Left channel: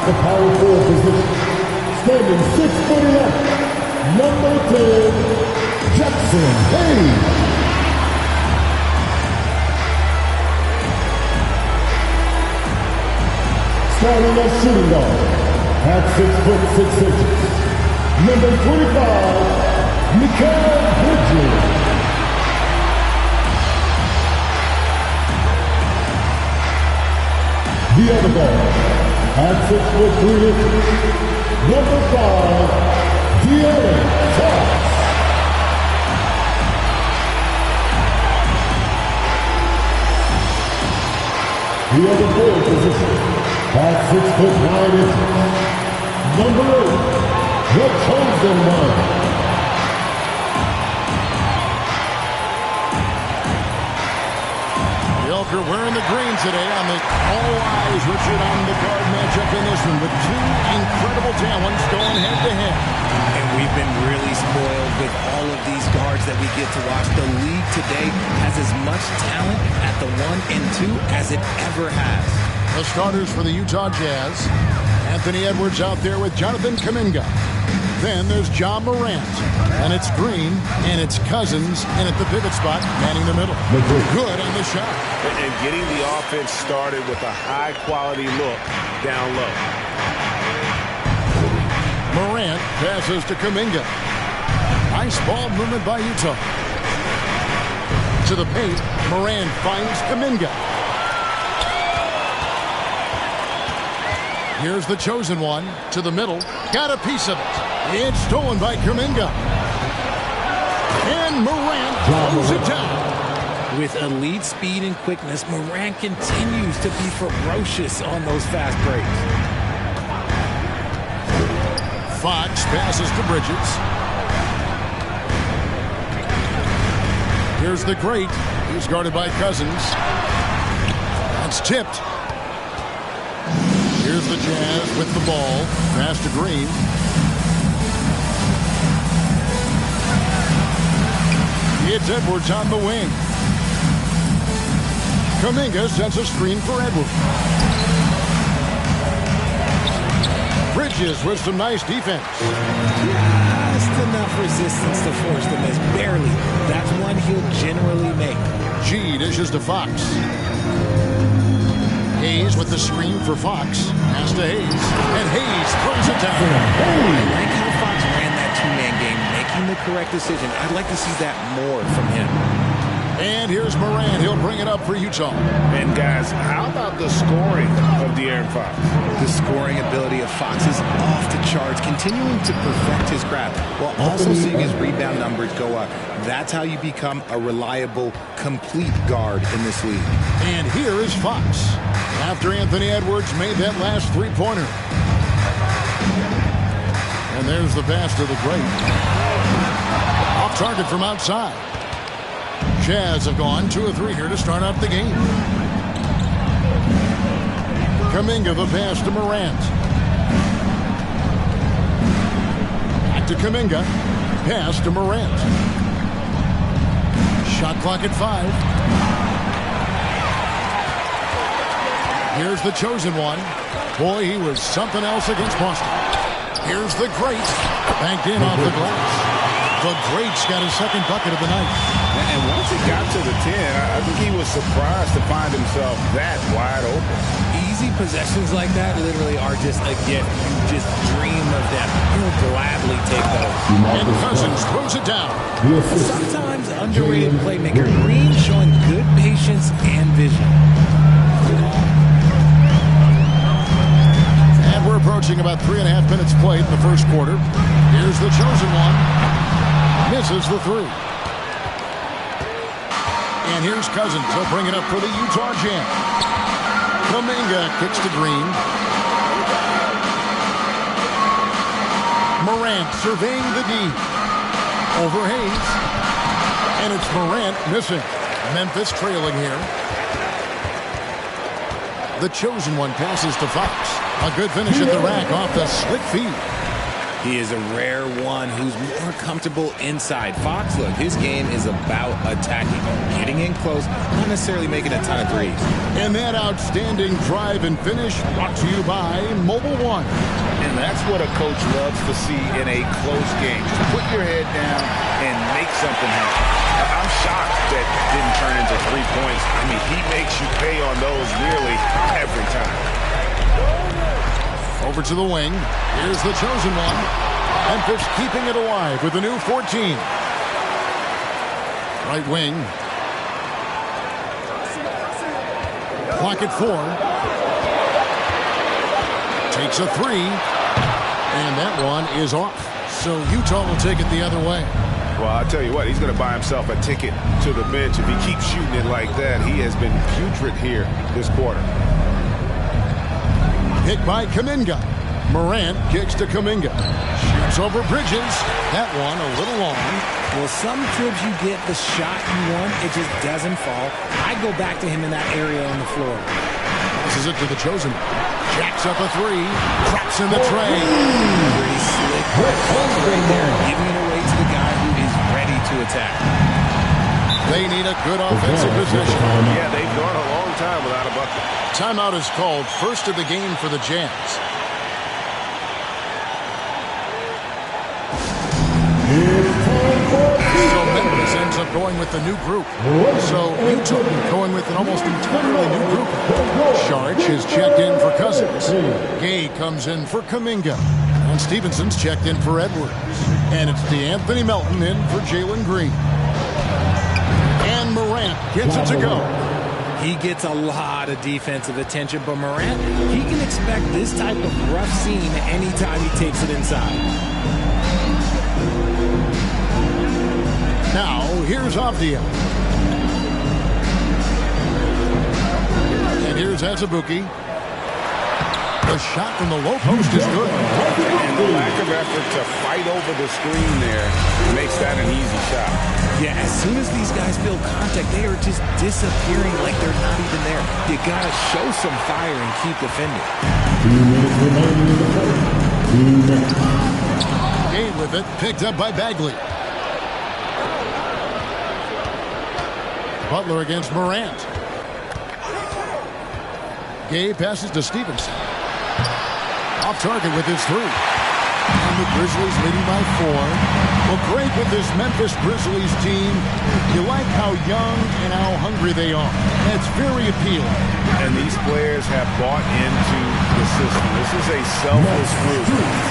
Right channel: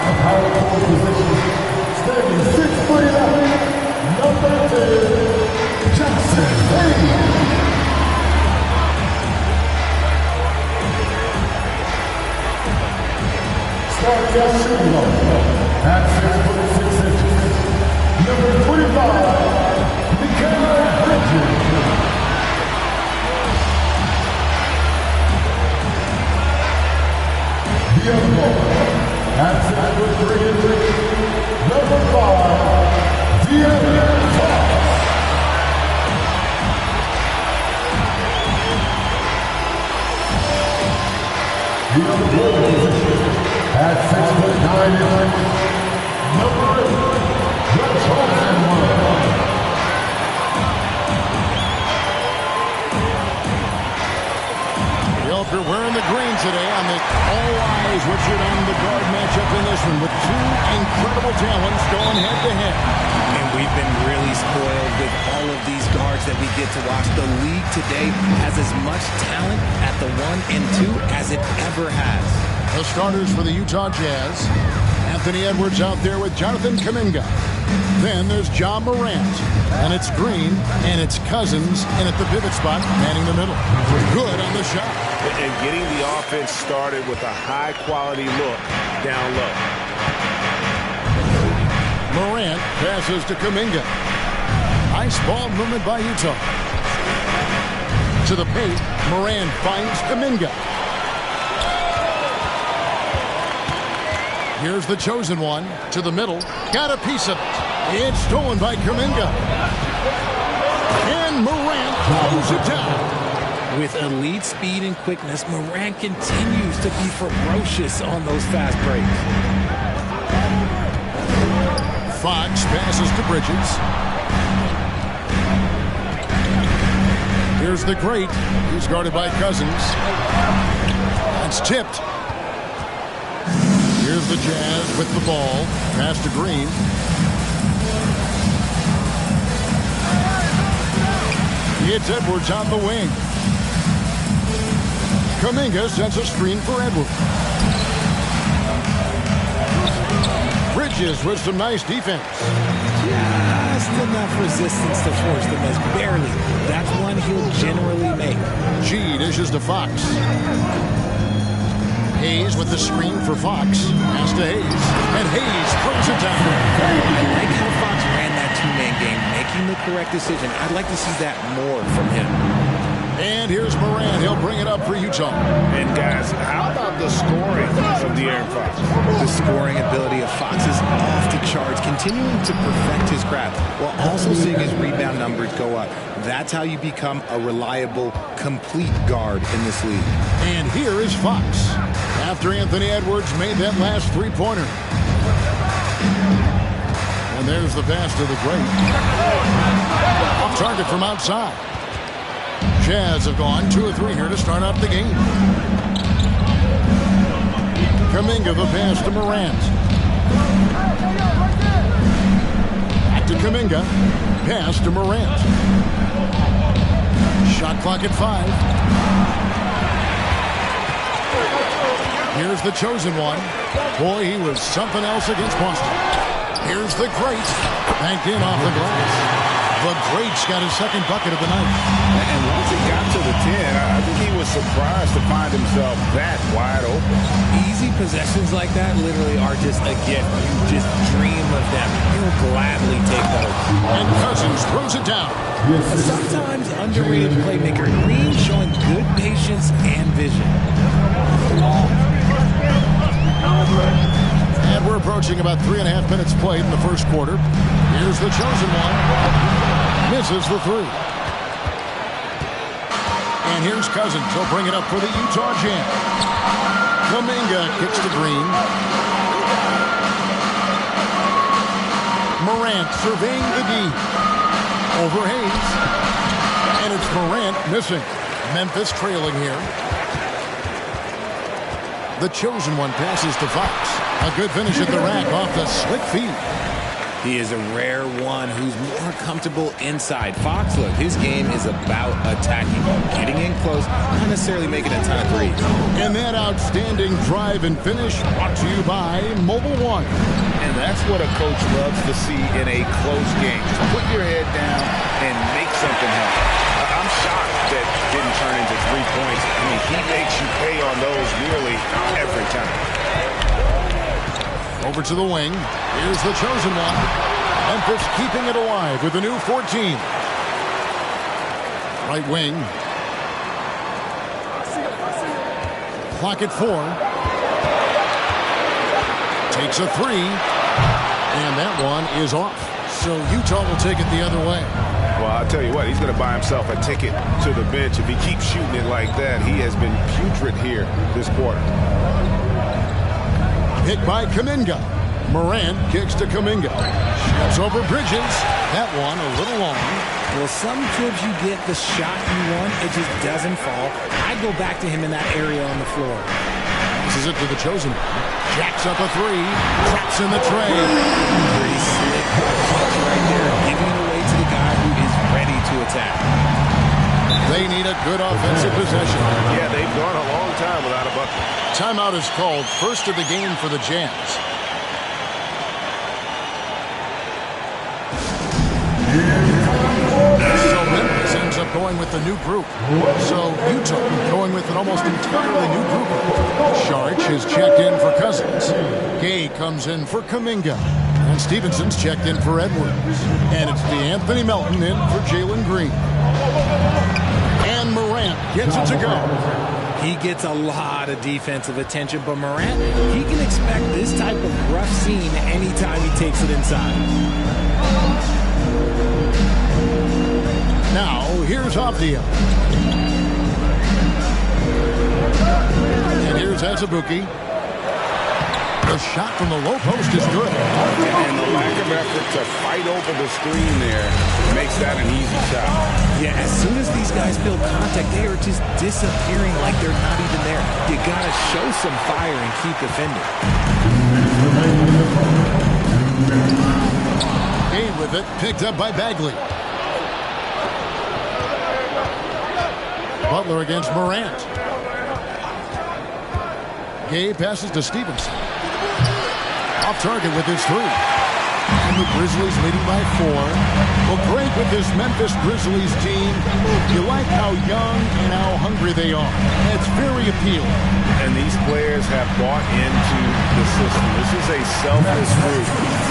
At the power forward position, standing 6'11", number 10, Jackson Hayes. Starting at shooting guard, at 6'6", number 25, Mikal Bridges. The other guard, at 6'3", number 5, De'Aaron Fox. The other forward position, at 6'9", number 8, the chosen one. The Elk are wearing the green today on this all eyes, Richard, on the guard matchup in this one with two incredible talents going head to head. And we've been really spoiled with all of these guards that we get to watch. The league today has as much talent at the 1 and 2 as it ever has. The starters for the Utah Jazz. Anthony Edwards out there with Jonathan Kuminga. Then there's Ja Morant. And it's Green, and it's Cousins, and at the pivot spot, manning the middle. Good on the shot. And getting the offense started with a high-quality look down low. Morant passes to Kuminga. Nice ball movement by Utah. To the paint, Morant finds Kuminga. Here's the chosen one to the middle. Got a piece of it. It's stolen by Kuminga. And Morant throws it down. With elite speed and quickness, Morant continues to be ferocious on those fast breaks. Fox passes to Bridges. Here's the great. He's guarded by Cousins. That's tipped. Here's the Jazz with the ball. Pass to Green. It's Edwards on the wing. Kuminga sends a screen for Edwards. Bridges with some nice defense. Just enough resistance to force the miss. Barely. That's one he'll generally make. G dishes to Fox. Hayes with the screen for Fox. Pass to Hayes. And Hayes throws it down. I like how Fox ran that two-man game, making the correct decision. I'd like to see that more from him. And here's Morant. He'll bring it up for Utah. And guys, how about the scoring of De'Aaron Fox? The scoring ability of Fox is off the charts, continuing to perfect his craft while also seeing his rebound numbers go up. That's how you become a reliable, complete guard in this league. And here is Fox. After Anthony Edwards made that last three-pointer. And there's the pass to the great. Off target from outside. Jazz have gone 2 of 3 here to start out the game. Kuminga the pass to Morant. Back to Kuminga. Pass to Morant. Shot clock at 5. Here's the chosen one. Boy, he was something else against Boston. Here's the great. Banked in off the glass. The great's got his second bucket of the night. And once he got to the 10, I think he was surprised to find himself that wide open. Easy possessions like that literally are just a gift. You just dream of them. You'll gladly take those. And Cousins throws it down. A sometimes underrated playmaker. Green showing good patience and vision. And we're approaching about 3.5 minutes played in the first quarter. Here's the chosen one. Misses the 3. And here's Cousins. He'll bring it up for the Utah Jazz. Kuminga kicks to Green. Morant surveying the D. Over Hayes. And it's Morant missing. Memphis trailing here. The chosen one passes to Fox. A good finish at the rack off the slick feed. He is a rare one who's more comfortable inside. Fox, look, his game is about attacking, getting in close, not necessarily making a ton of threes. And that outstanding drive and finish brought to you by Mobile One. And that's what a coach loves to see in a close game. Just put your head down and make something happen. I'm shocked that didn't turn into 3 points. I mean, he makes you pay on those nearly every time. Over to the wing. Here's the chosen one. Memphis keeping it alive with a new 14. Right wing. Clock at 4. Takes a 3. And that one is off. So Utah will take it the other way. Well, I'll tell you what, he's going to buy himself a ticket to the bench. If he keeps shooting it like that, he has been putrid here this quarter. Hit by Kuminga. Morant kicks to Kuminga. Shoots over Bridges. That one a little long. Well, some trips you get the shot you want, it just doesn't fall. I go back to him in that area on the floor. Passes it to the chosen one. Jacks up a 3. Traps in the tray. Pretty slick by Fox right there, giving it away to the guy who is ready to attack. They need a good offensive possession. Yeah, they've gone a long time without a bucket. Timeout is called, first of the game for the Jazz. So Memphis ends up going with the new group. So Utah going with an almost entirely new group. Saric is checked in for Cousins. Gay comes in for Kuminga. And Stevenson's checked in for Edwards. And it's DeAnthony Melton in for Jalen Green. And Morant gets it to go. He gets a lot of defensive attention, but Morant, he can expect this type of rough scene anytime he takes it inside. Now, here's Avdia. And here's Azubuike. The shot from the low post is good. And the lack of effort to fight over the screen there makes that an easy shot. Yeah, as soon as these guys feel contact, they are just disappearing like they're not even there. You got to show some fire and keep defending. Gay with it, picked up by Bagley. Butler against Morant. Gay passes to Stevenson. Off target with his 3. And the Grizzlies leading by 4. Well, great with this Memphis Grizzlies team. You like how young and how hungry they are. It's very appealing. And these players have bought into the system. This is a selfless group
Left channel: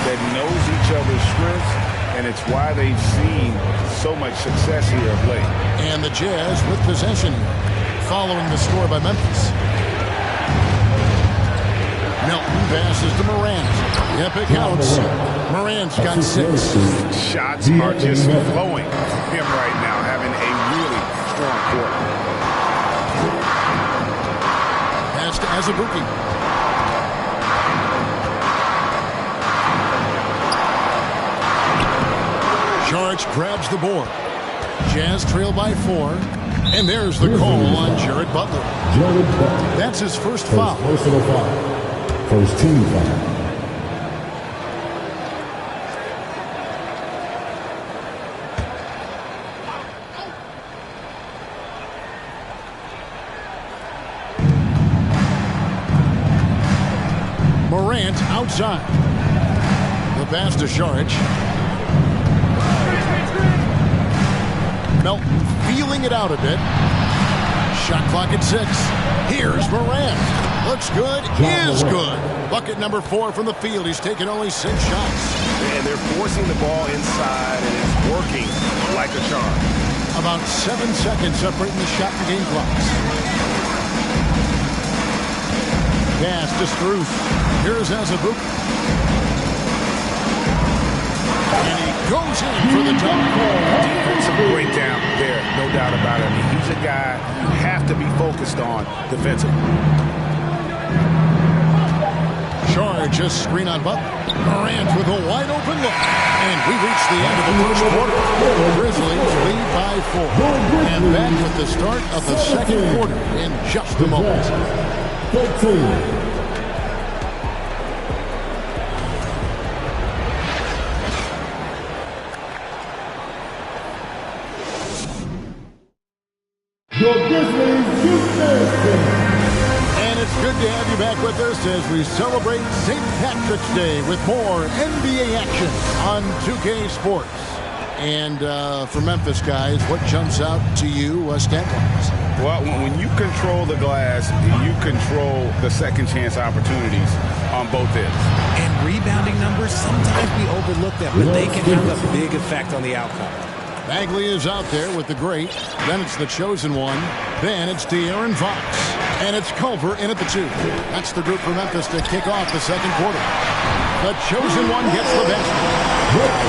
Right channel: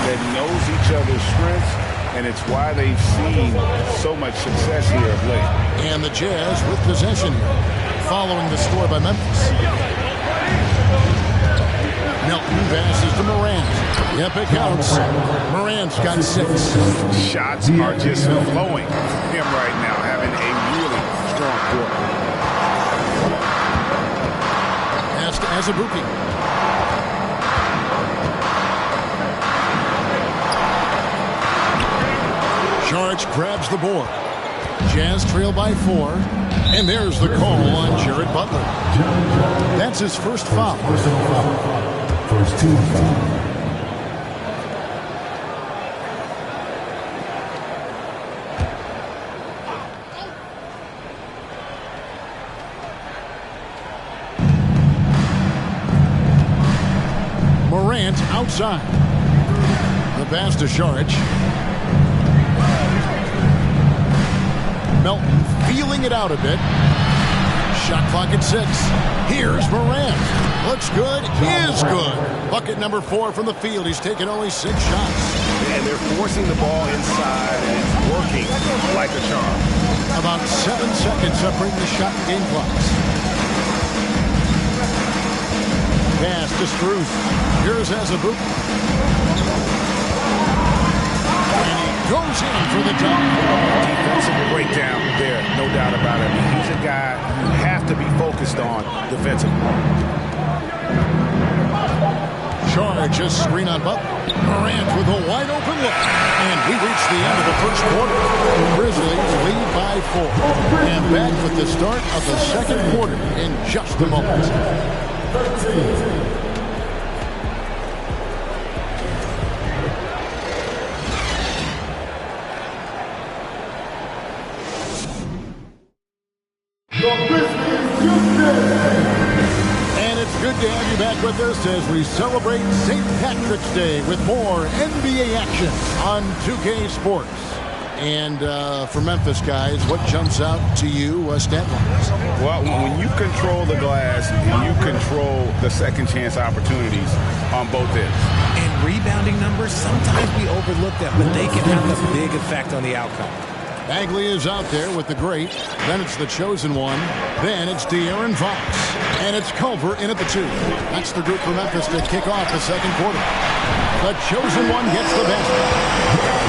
that knows each other's strengths, and it's why they've seen so much success here of late. And the Jazz with possession here, following the score by Memphis. Melton passes to Morant. Yep, it counts. Morant's got 6. Shots are just flowing from him right now, having a really strong quarter. Pass to Azubuike. Saric grabs the board. Jazz trail by 4. And there's the call on Jared Butler. That's his first foul. Personal foul. First team foul. Morant outside. The pass to Saric. Melton feeling it out a bit. Shot clock at 6. Here's Morant. Looks good, is good. Bucket number 4 from the field. He's taken only 6 shots. And they're forcing the ball inside, and it's working like a charm. About 7 seconds separating the shot and game clocks. Pass to Strus. Here's Azubuike. And he goes in for the dunk. Defensive breakdown there, no doubt about it. I mean, he's a guy you have to be focused on defensively. Charge, just screen on Butler. Morant with a wide open look. And we reach the end of the first quarter. Grizzlies lead by 4. And back with the start of the second quarter in just a moment. 13. And it's good to have you back with us as we celebrate St. Patrick's Day with more NBA action on 2K Sports. And for Memphis, guys, what jumps out to you stat-wise? Well, when you control the glass, you control the second chance opportunities on both ends. And rebounding numbers, sometimes we overlook them, but they can have a big effect on the outcome. Bagley is out there with the great. Then it's the chosen one. Then it's De'Aaron Fox. And it's Culver in at the 2. That's the group for Memphis to kick off the second quarter. The chosen one gets the basket.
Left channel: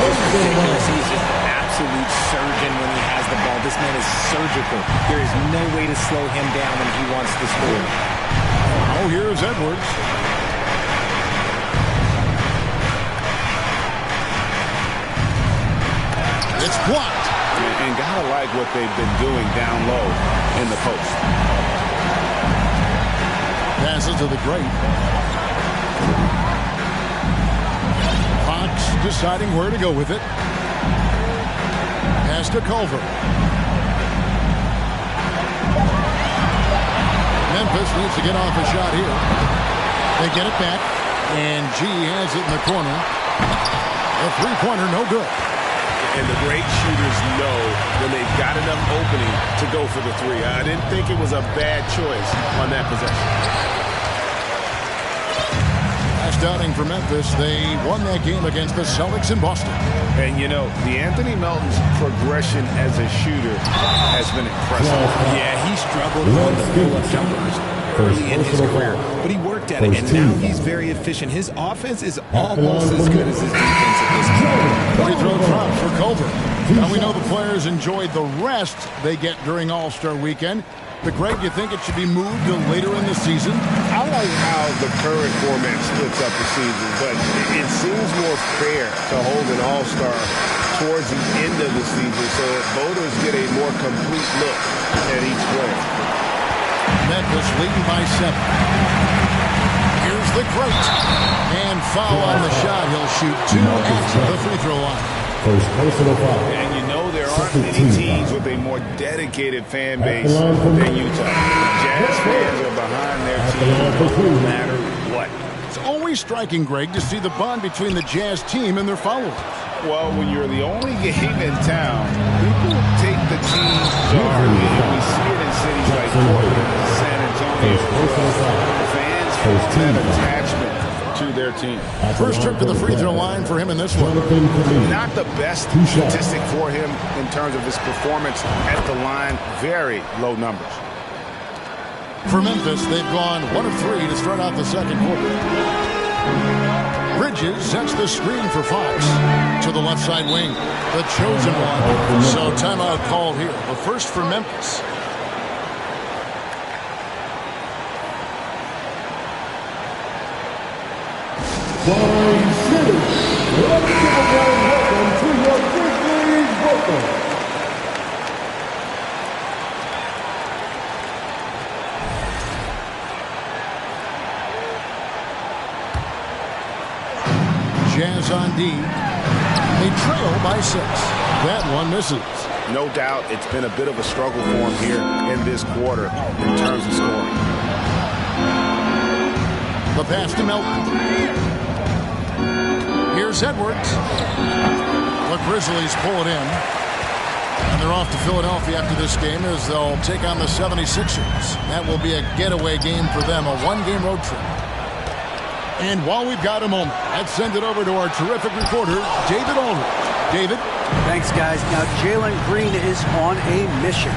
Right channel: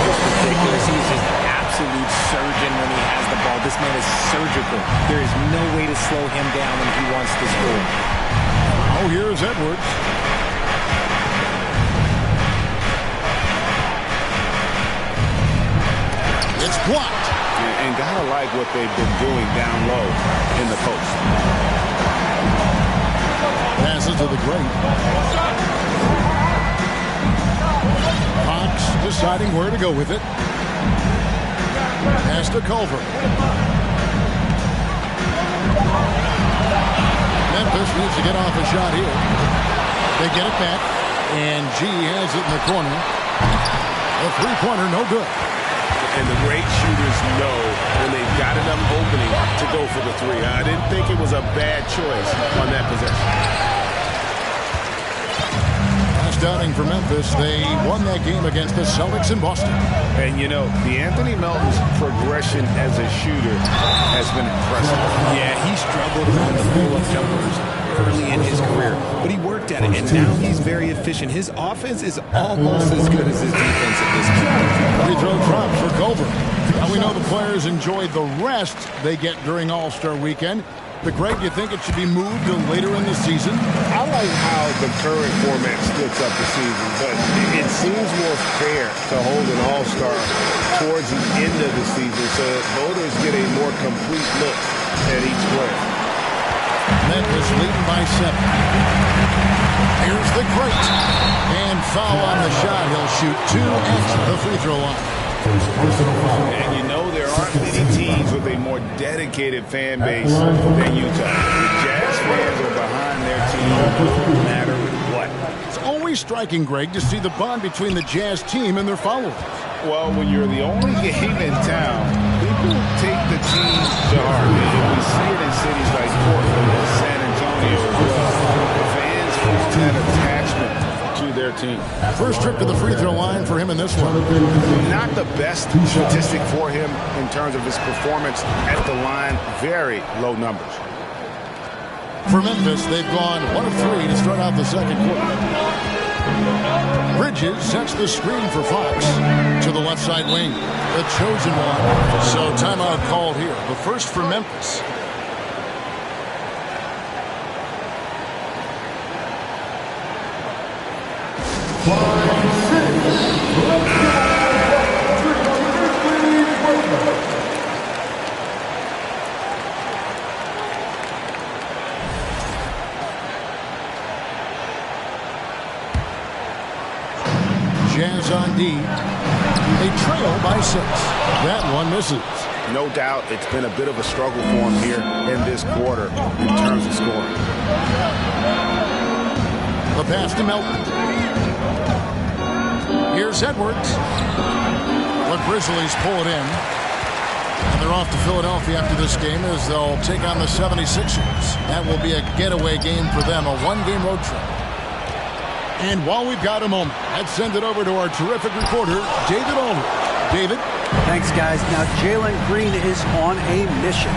It's ridiculous. He's just an absolute surgeon when he has the ball. This man is surgical. There is no way to slow him down when he wants to score. Oh, here's Edwards. It's blocked. And gotta like what they've been doing down low in the post. Passes to the great. Fox deciding where to go with it. Pass to Culver. Memphis needs to get off a shot here. They get it back. And G has it in the corner. The three-pointer, no good. And the great shooters know when they've got enough opening to go for the three. I didn't think it was a bad choice on that possession. Last outing for Memphis, they won that game against the Celtics in Boston. And, you know, DeAnthony Melton's progression as a shooter has been impressive. Yeah, he struggled on the pull-up jumpers early in his career, but he worked at it, and now he's very efficient. His offense is almost as good as his defense at this point. Free throw drop for Culver. Now we know the players enjoyed the rest they get during All-Star Weekend. But, Greg, you think it should be moved to later in the season? I like how the current format splits up the season, but it seems more fair to hold an All-Star towards the end of the season so that voters get a more complete look at each player. Memphis leading by 7. Here's the great. And foul on the shot. He'll shoot 2 at the free throw line. First personal foul. And you know there aren't many teams with a more dedicated fan base than Utah. The Jazz fans are behind their team no matter what. It's always striking, Greg, to see the bond between the Jazz team and their followers. Well, when you're the only game in town, people take the team to heart. And we see it in cities like Portland and San Antonio as well. The fans form that attachment to their team. First trip to the free throw line for him in this one. Not the best statistic for him in terms of his performance at the line. Very low numbers. For Memphis, they've gone 1 of 3 to start out the second quarter. Bridges sets the screen for Fox to the left side wing. The chosen one. So timeout called here. The first for Memphis. Flying City. Let's give a warm welcome to your Grizzlies Ravens. Jazz on D. They trail by 6. That one misses. No doubt it's been a bit of a struggle for him here in this quarter in terms of scoring. The pass to Melton. Here's Edwards. The Grizzlies pull it in. And they're off to Philadelphia after this game as they'll take on the 76ers. That will be a getaway game for them, a one-game road trip. And while we've got a moment, let's send it over to our terrific reporter, David Aldridge. David? Thanks, guys. Now, Jalen Green is on a mission.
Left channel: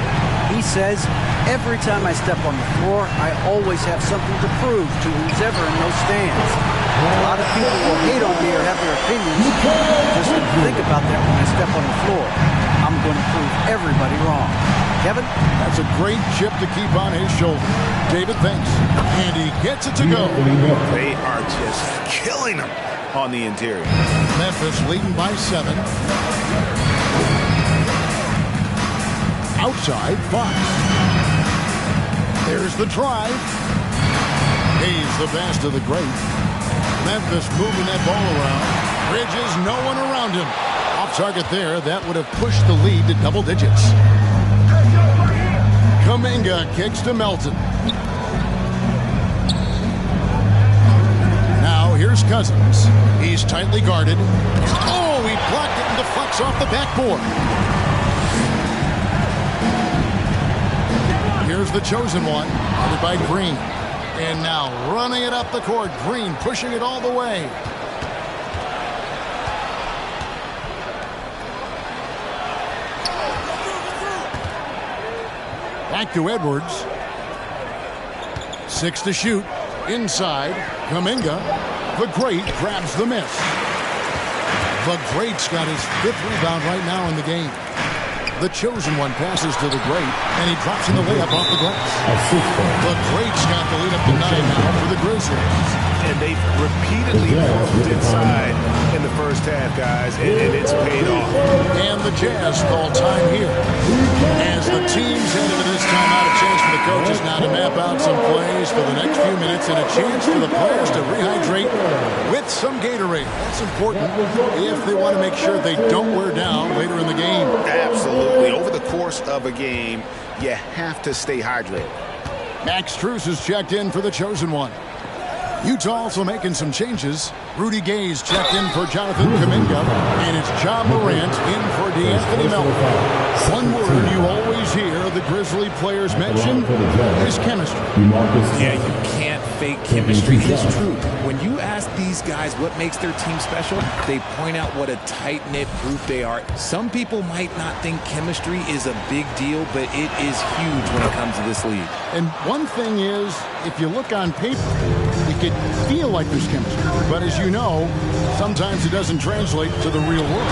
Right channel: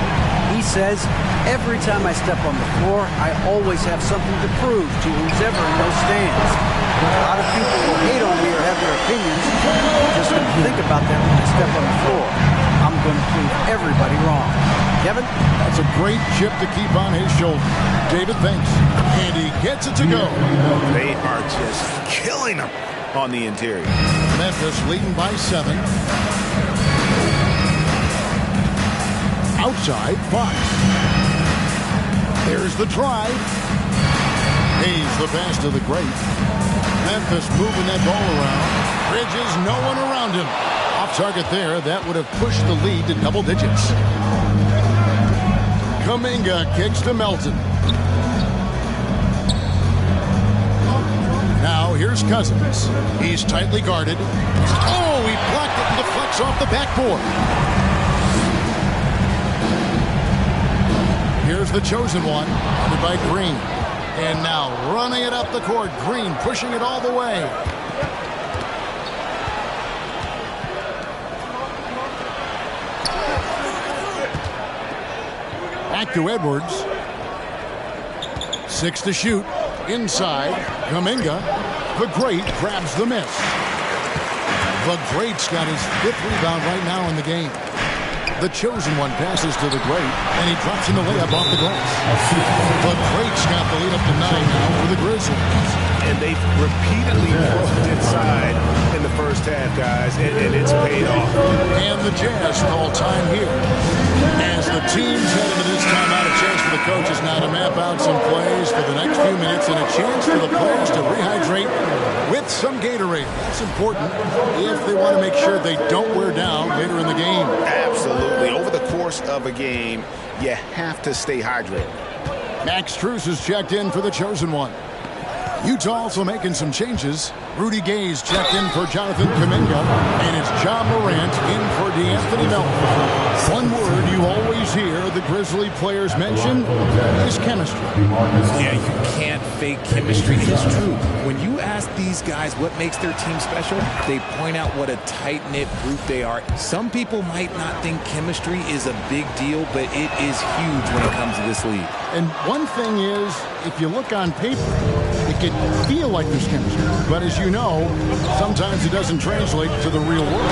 He says, every time I step on the floor, I always have something to prove to who's ever in those stands. A lot of people will hate on me or have their opinions. I'm just going to think about that when I step on the floor. I'm going to prove everybody wrong. Kevin? That's a great chip to keep on his shoulder. David, thanks. And he gets it to go. They are just killing them on the interior. Memphis leading by 7. Outside, Fox. There's the drive. Hayes the pass to the great. Memphis moving that ball around. Bridges, no one around him. Off target there. That would have pushed the lead to double digits. Kuminga kicks to Melton. Now here's Cousins. He's tightly guarded. Oh, he blocked it and deflects off the backboard. Here's the chosen one, guarded by Green. And now running it up the court. Green pushing it all the way. Back to Edwards. 6 to shoot. Inside. Kuminga. The Great grabs the miss. The Great's got his 5th rebound right now in the game. The chosen one passes to the Great, and he drops in the layup off the glass. The Great's got the lead up to 9 now for the Grizzlies. And they've repeatedly broke inside in the first half, guys, and it's paid off. And the Jazz call time here. As the teams head into this timeout, a chance for the coaches now to map out some plays for the next few minutes and a chance for the players to rehydrate with some Gatorade. That's important if they want to make sure they don't wear down later in the game. Absolutely. Over the course of a game, you have to stay hydrated. Max Strus is checked in for the chosen one. Utah also making some changes. Rudy Gay's checked in for Jonathan Kuminga, and it's Ja Morant in for DeAnthony Melton. One word you always hear the Grizzly players mention is chemistry. Yeah, you can't fake chemistry. It is true. When you ask these guys what makes their team special, they point out what a tight-knit group they are. Some people might not think chemistry is a big deal, but it is huge when it comes to this league. And one thing is, if you look on paper, it can feel like there's chemistry. But as you know, sometimes it doesn't translate to the real world.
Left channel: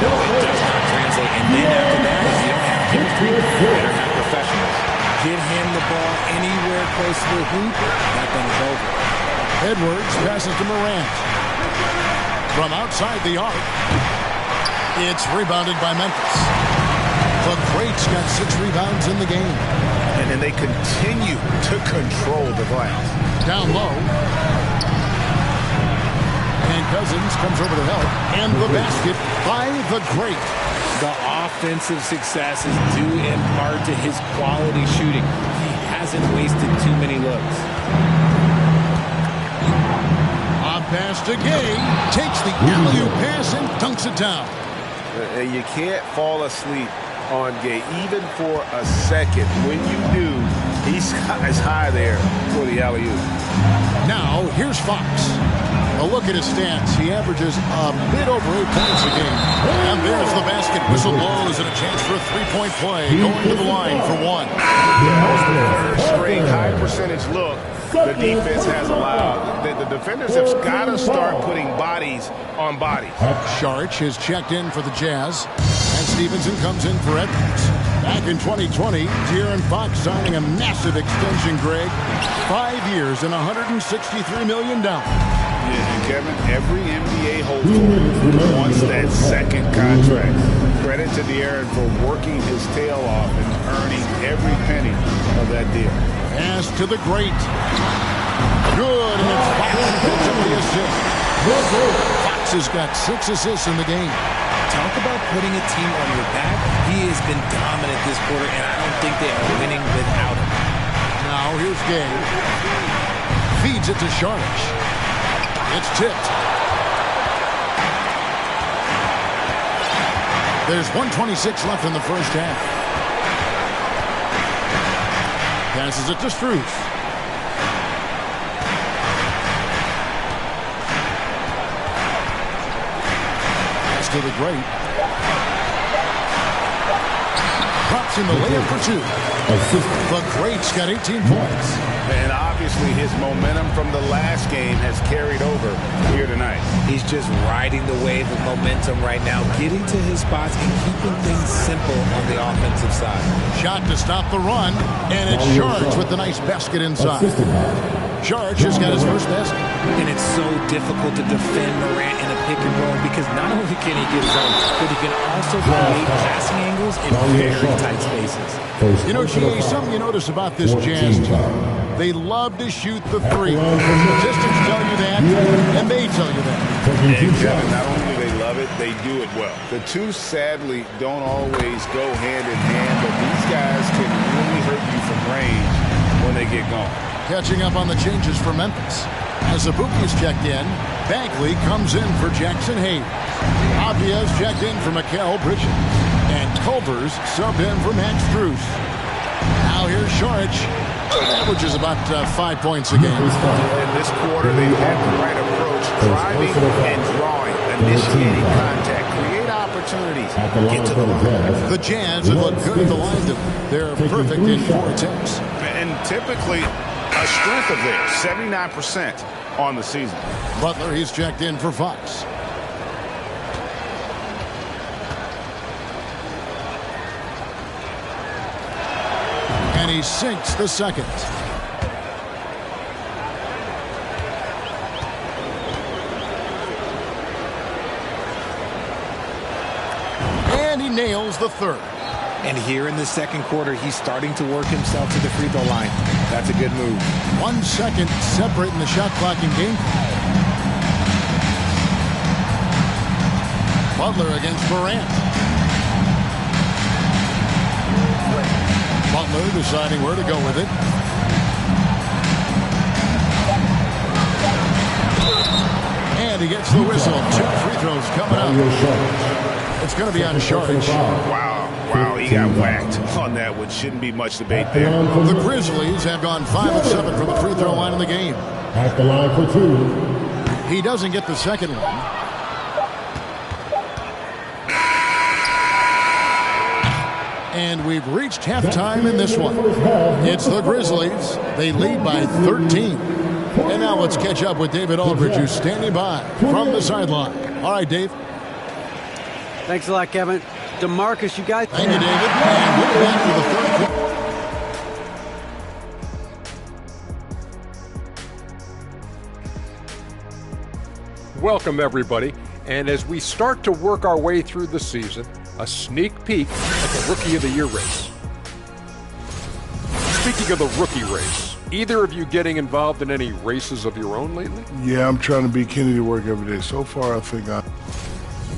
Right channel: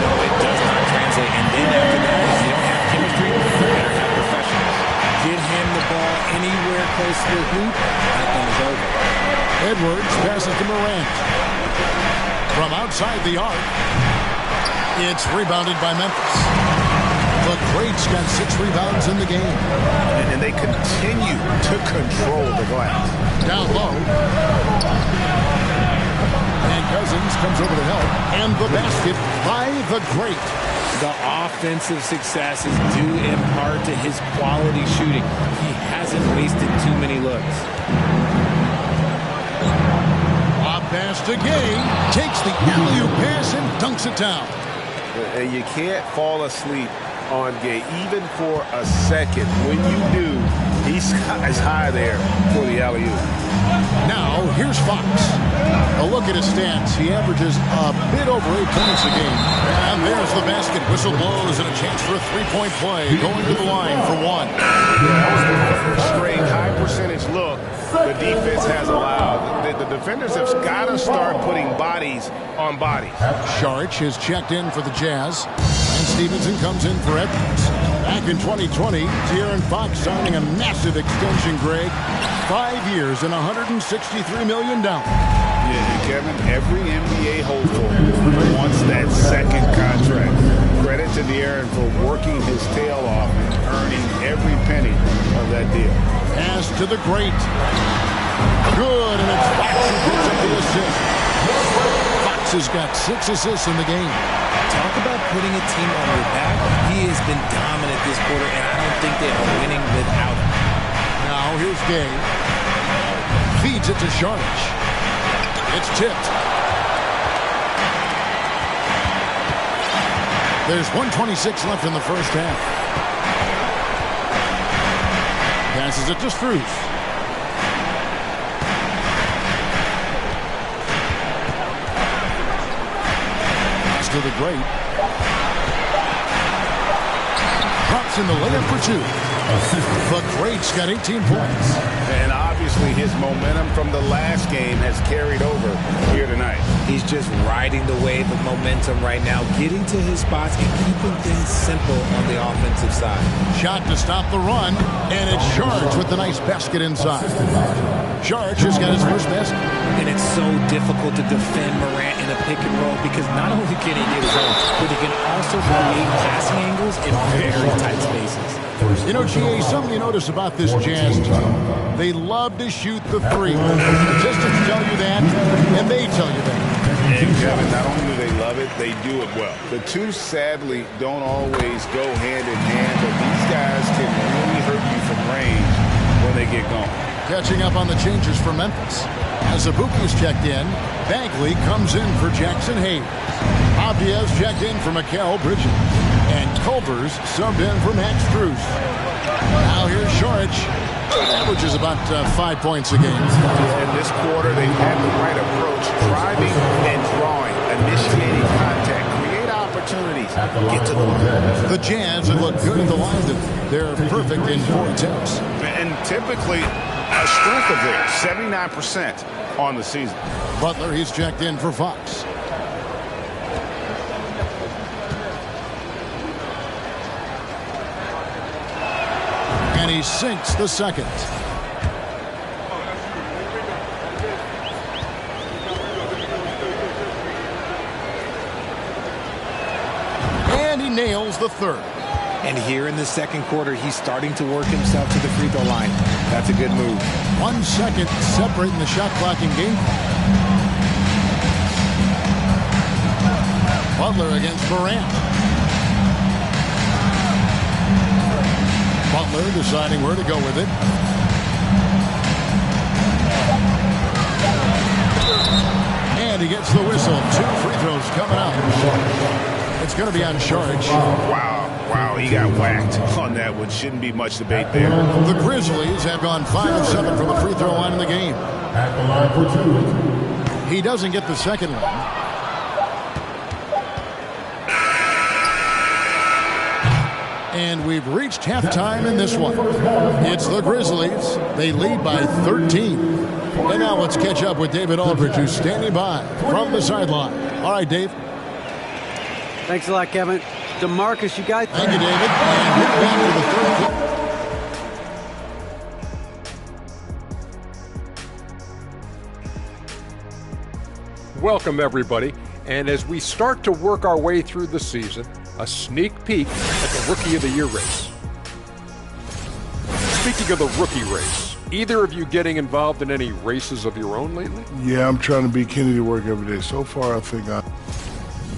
No, it does not translate. And then after that, if you don't have chemistry, you better have professionals. Get him the ball anywhere close to the hoop, that thing is over. Edwards passes to Morant. From outside the arc, it's rebounded by Memphis. The Greats got 6 rebounds in the game. And they continue to control the glass. Down low. And Cousins comes over to help. And the basket by the Great. The offensive success is due in part to his quality shooting. He hasn't wasted too many looks. A pass to Gay. Takes the alley-oop pass and dunks it down. And you can't fall asleep on Gay, even for a second. When you do, he's as high there for the alley-oop. Now, here's Fox. A look at his stats. He averages a bit over 8 points a game. And there's the basket. Whistle blows and a chance for a 3-point play. Going to the line for 1. Yeah, that was the 3rd straight high-percentage look the defense has allowed. The defenders have got to start putting bodies on bodies. Saric is checked in for the Jazz. And Stevenson comes in for Edwards. Back in 2020, De'Aaron Fox signing a massive extension, Greg. 5 years and $163 million. Yeah, and Kevin, every NBA hopeful wants that second contract. Credit to De'Aaron for working his tail off and earning every penny of that deal. Pass to the Great. Good, and it's Fox who picks up the assist. Fox has got 6 assists in the game. Talk about putting a team on your back. He has been dominant this quarter, and I don't think they are winning without him. Now here's Gay. Feeds it to Saric. It's tipped. There's 1:26 left in the first half. Passes it to Strus. Pass to the Great. Drops in the layup for 2. The Great's got 18 points. And obviously his momentum from the last game has carried over here tonight. He's just riding the wave of momentum right now, getting to his spots and keeping things simple on the offensive side. Shot to stop the run, and it's Saric with the nice basket inside. Saric has got his first basket. And it's so difficult to defend Morant in a pick and roll because not only can he get his own, but he can also create passing angles in very tight spaces. You know, GA, something you notice about this Jazz team, they love to shoot the three. Statistics tell you that, and they tell you that. And Kevin, not only do they love it, they do it well. The two, sadly, don't always go hand in hand, but these guys can really hurt you from range when they get going. Catching up on the changes for Memphis. As Abuki's checked in, Bagley comes in for Jackson Hayes. Abdias checked in for Mikal Bridges. And Culver's subbed in for Max Strus. Now here's Saric. Averages about 5 points a game. In this quarter, they've had the right approach, driving and drawing, initiating contact, create opportunities, get to the line. The Jazz have looked good at the line. They're perfect in 4 attempts. And typically, a strength of theirs, 79% on the season. Butler, he's checked in for Fox. And he sinks the second. And he nails the third. And here in the second quarter, he's starting to work himself to the free throw line. That's a good move. 1 second separating the shot clock in game. Butler against Morant. Butler deciding where to go with it. And he gets the whistle. 2 free throws coming up. It's going to be on Saric. Wow, he got whacked on that one. Shouldn't be much debate there. The Grizzlies have gone 5 of 7 from the free throw line in the game. At the line for 2. He doesn't get the second one. And we've reached halftime in this one. It's the Grizzlies. They lead by 13. And now let's catch up with David Aldridge, who's standing by from the sideline. All right, Dave. Thanks a lot, Kevin. DeMarcus, you guys. Thank you, David. And we're back for the third quarter. Welcome, everybody. And as we start to work our way through the season, a sneak peek at the Rookie of the Year race. Speaking of the rookie race, either of you getting involved in any races of your own lately? Yeah, I'm trying to beat Kenny to work every day. So far, I think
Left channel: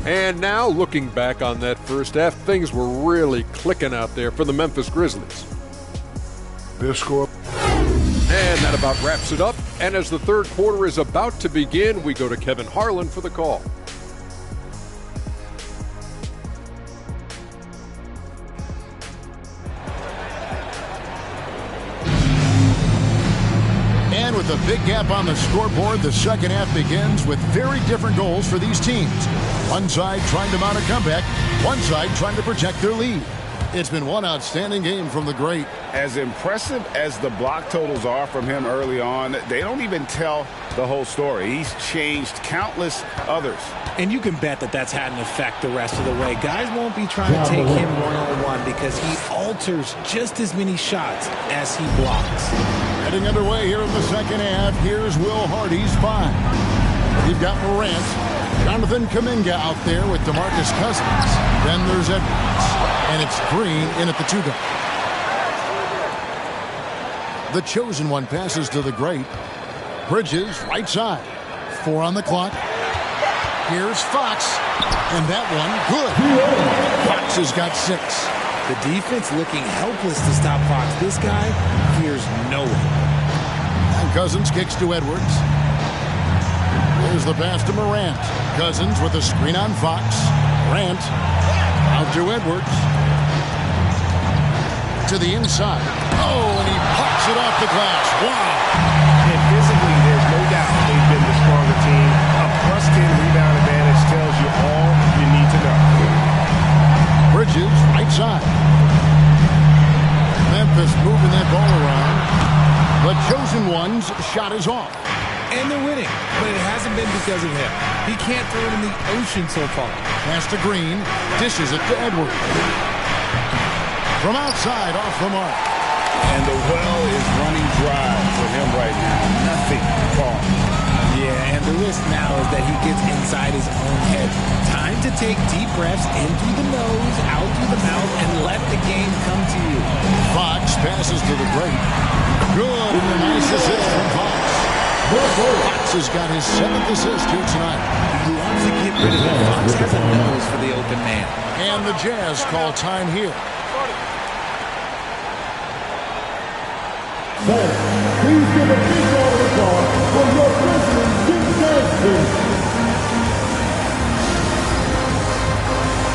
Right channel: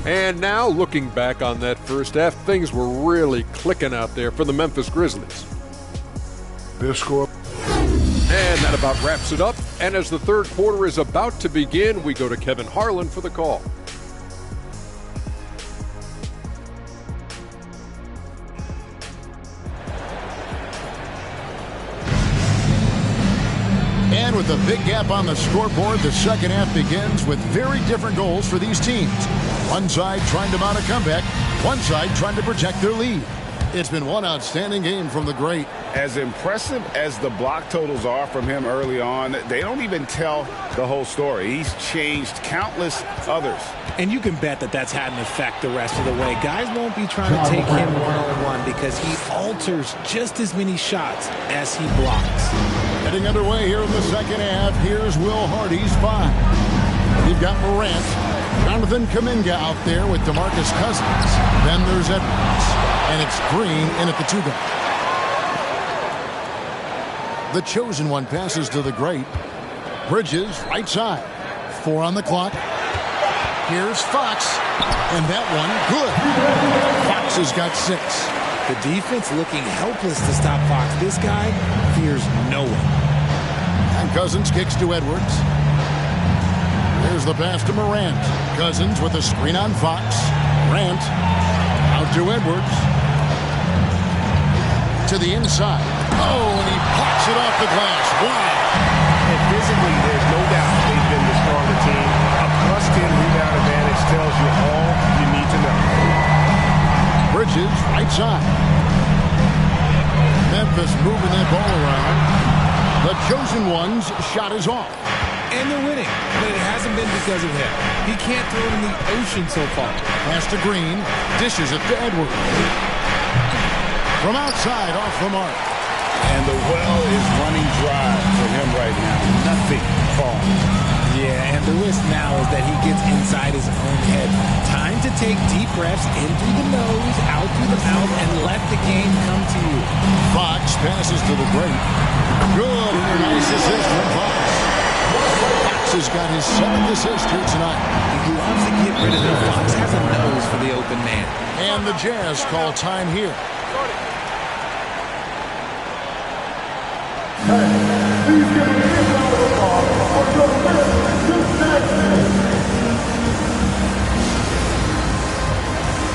And now, looking back on that first half, things were really clicking out there for the Memphis Grizzlies. Their score. And that about wraps it up. And as the third quarter is about to begin, we go to Kevin Harlan for the call. And with a big gap on the scoreboard, the second half begins with very different goals for these teams. One side trying to mount a comeback, one side trying to protect their lead. It's been one outstanding game from the great. As impressive as the block totals are from him early on, they don't even tell the whole story. He's changed countless others. And you can bet that that's had an effect the rest of the way. Guys won't be trying to take him one-on-one because he alters just as many shots as he blocks. Getting underway here in the second half. Here's Will Hardy's 5. You've got Morant, Jonathan Kuminga out there with DeMarcus Cousins. Then there's Edwards. And it's Green in at the 2-guard. The chosen one passes to the great. Bridges, right side. 4 on the clock. Here's Fox. And that one, good. Fox has got 6. The defense looking helpless to stop Fox. This guy fears no one. And Cousins kicks to Edwards. There's the pass to Morant. Cousins with a screen on Fox. Morant out to Edwards. To the inside. Oh, and he pops it off the glass. Wow. And physically, there's no doubt they've been the stronger team. A +10 rebound advantage tells you all you need to know. Bridges, right side. Memphis moving that ball around. The chosen one's shot is off. And they're winning, but it hasn't been because of him. He can't throw it in the ocean so far. Pass to Green. Dishes it to Edwards. From outside, off the mark. And the well is running dry for him right now. call. Yeah, and the risk now is that he gets inside his own head. Time to take deep breaths in through the nose, out through the mouth, and let the game come to you. Fox passes to the great. Good, and a nice assist from Fox. Fox has got his 7th assist here tonight. He loves to get rid of it. Fox has a nose for the open man. And the Jazz call time here. Please give a big round of applause for your first Duke Jazz team.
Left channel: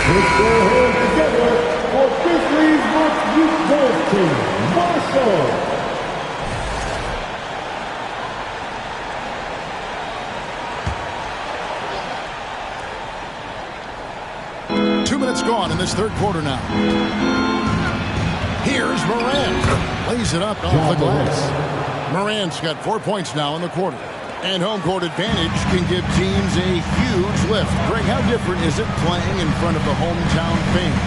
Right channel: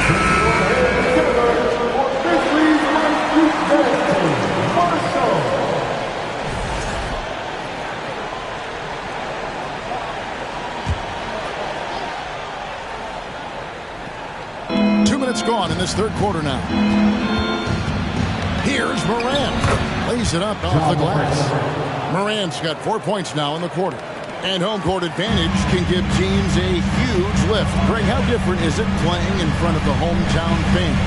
Let's go ahead together for this league's most Duke Jazz team. Marshall. 2 minutes gone in this third quarter now. Here's Morant. Lays it up off the glass. Morant's got 4 points now in the quarter. And home court advantage can give teams a huge lift. Greg, how different is it playing in front of the hometown fans?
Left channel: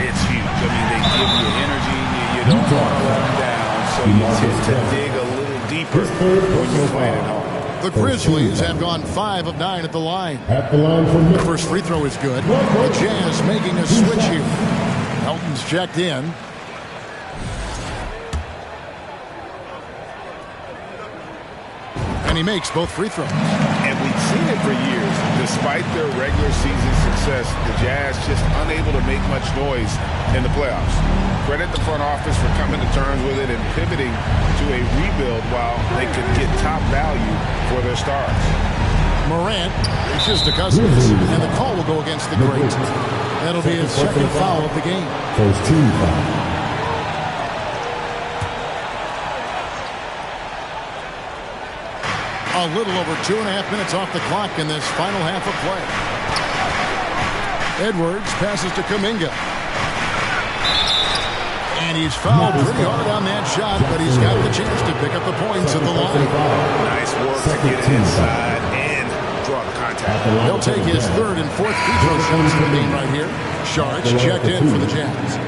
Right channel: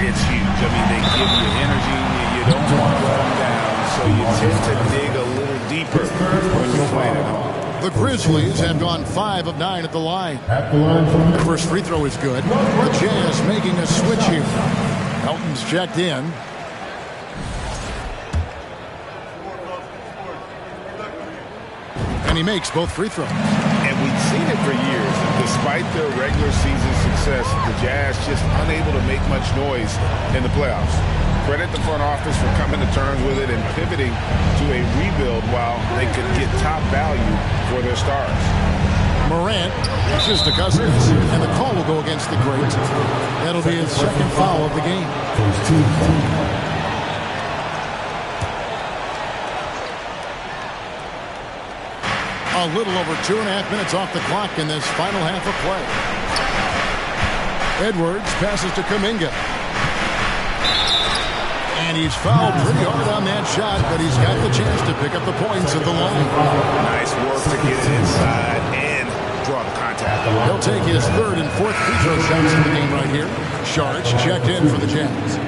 It's huge. I mean, they give you energy. You don't want to let them down, so you tend to dig a little deeper when you're playing at home. The Grizzlies have gone 5 of 9 at the line. At the line from The first free throw is good. The Jazz making a switch here. Melton's checked in. And he makes both free throws. And we've seen it for years. Despite their regular season success, the Jazz just unable to make much noise in the playoffs. Credit the front office for coming to terms with it and pivoting to a rebuild while they could get top value for their stars. Morant reaches to Cousins, and the call will go against the great. That'll be his second foul of the game. first team foul. A little over 2.5 minutes off the clock in this final half of play. Edwards passes to Kuminga. And he's fouled pretty hard on that shot, but he's got the chance to pick up the points at the line. Nice work to get it inside and draw the contact. He'll take his 3rd and 4th free throw shots in the game right here. Sharch checked in for the Jazz.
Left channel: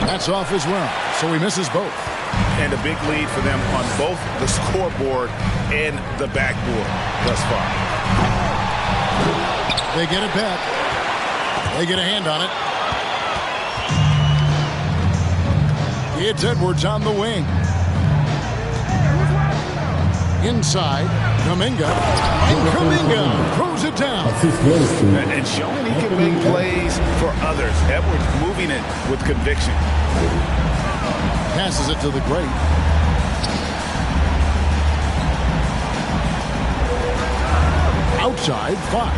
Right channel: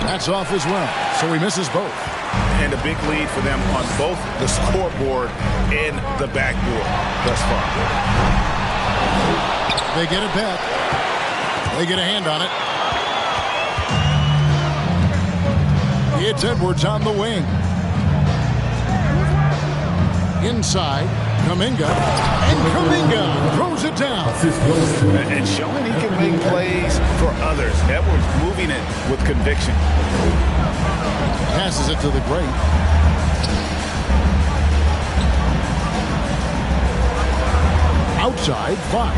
That's off as well, so he misses both. And a big lead for them on both the scoreboard and the backboard thus far. They get it back. They get a hand on it. It's Edwards on the wing. Inside, Kuminga. And Kuminga throws it down. And showing he can make plays for others. Edwards moving it with conviction. Passes it to the great. Outside, Fox.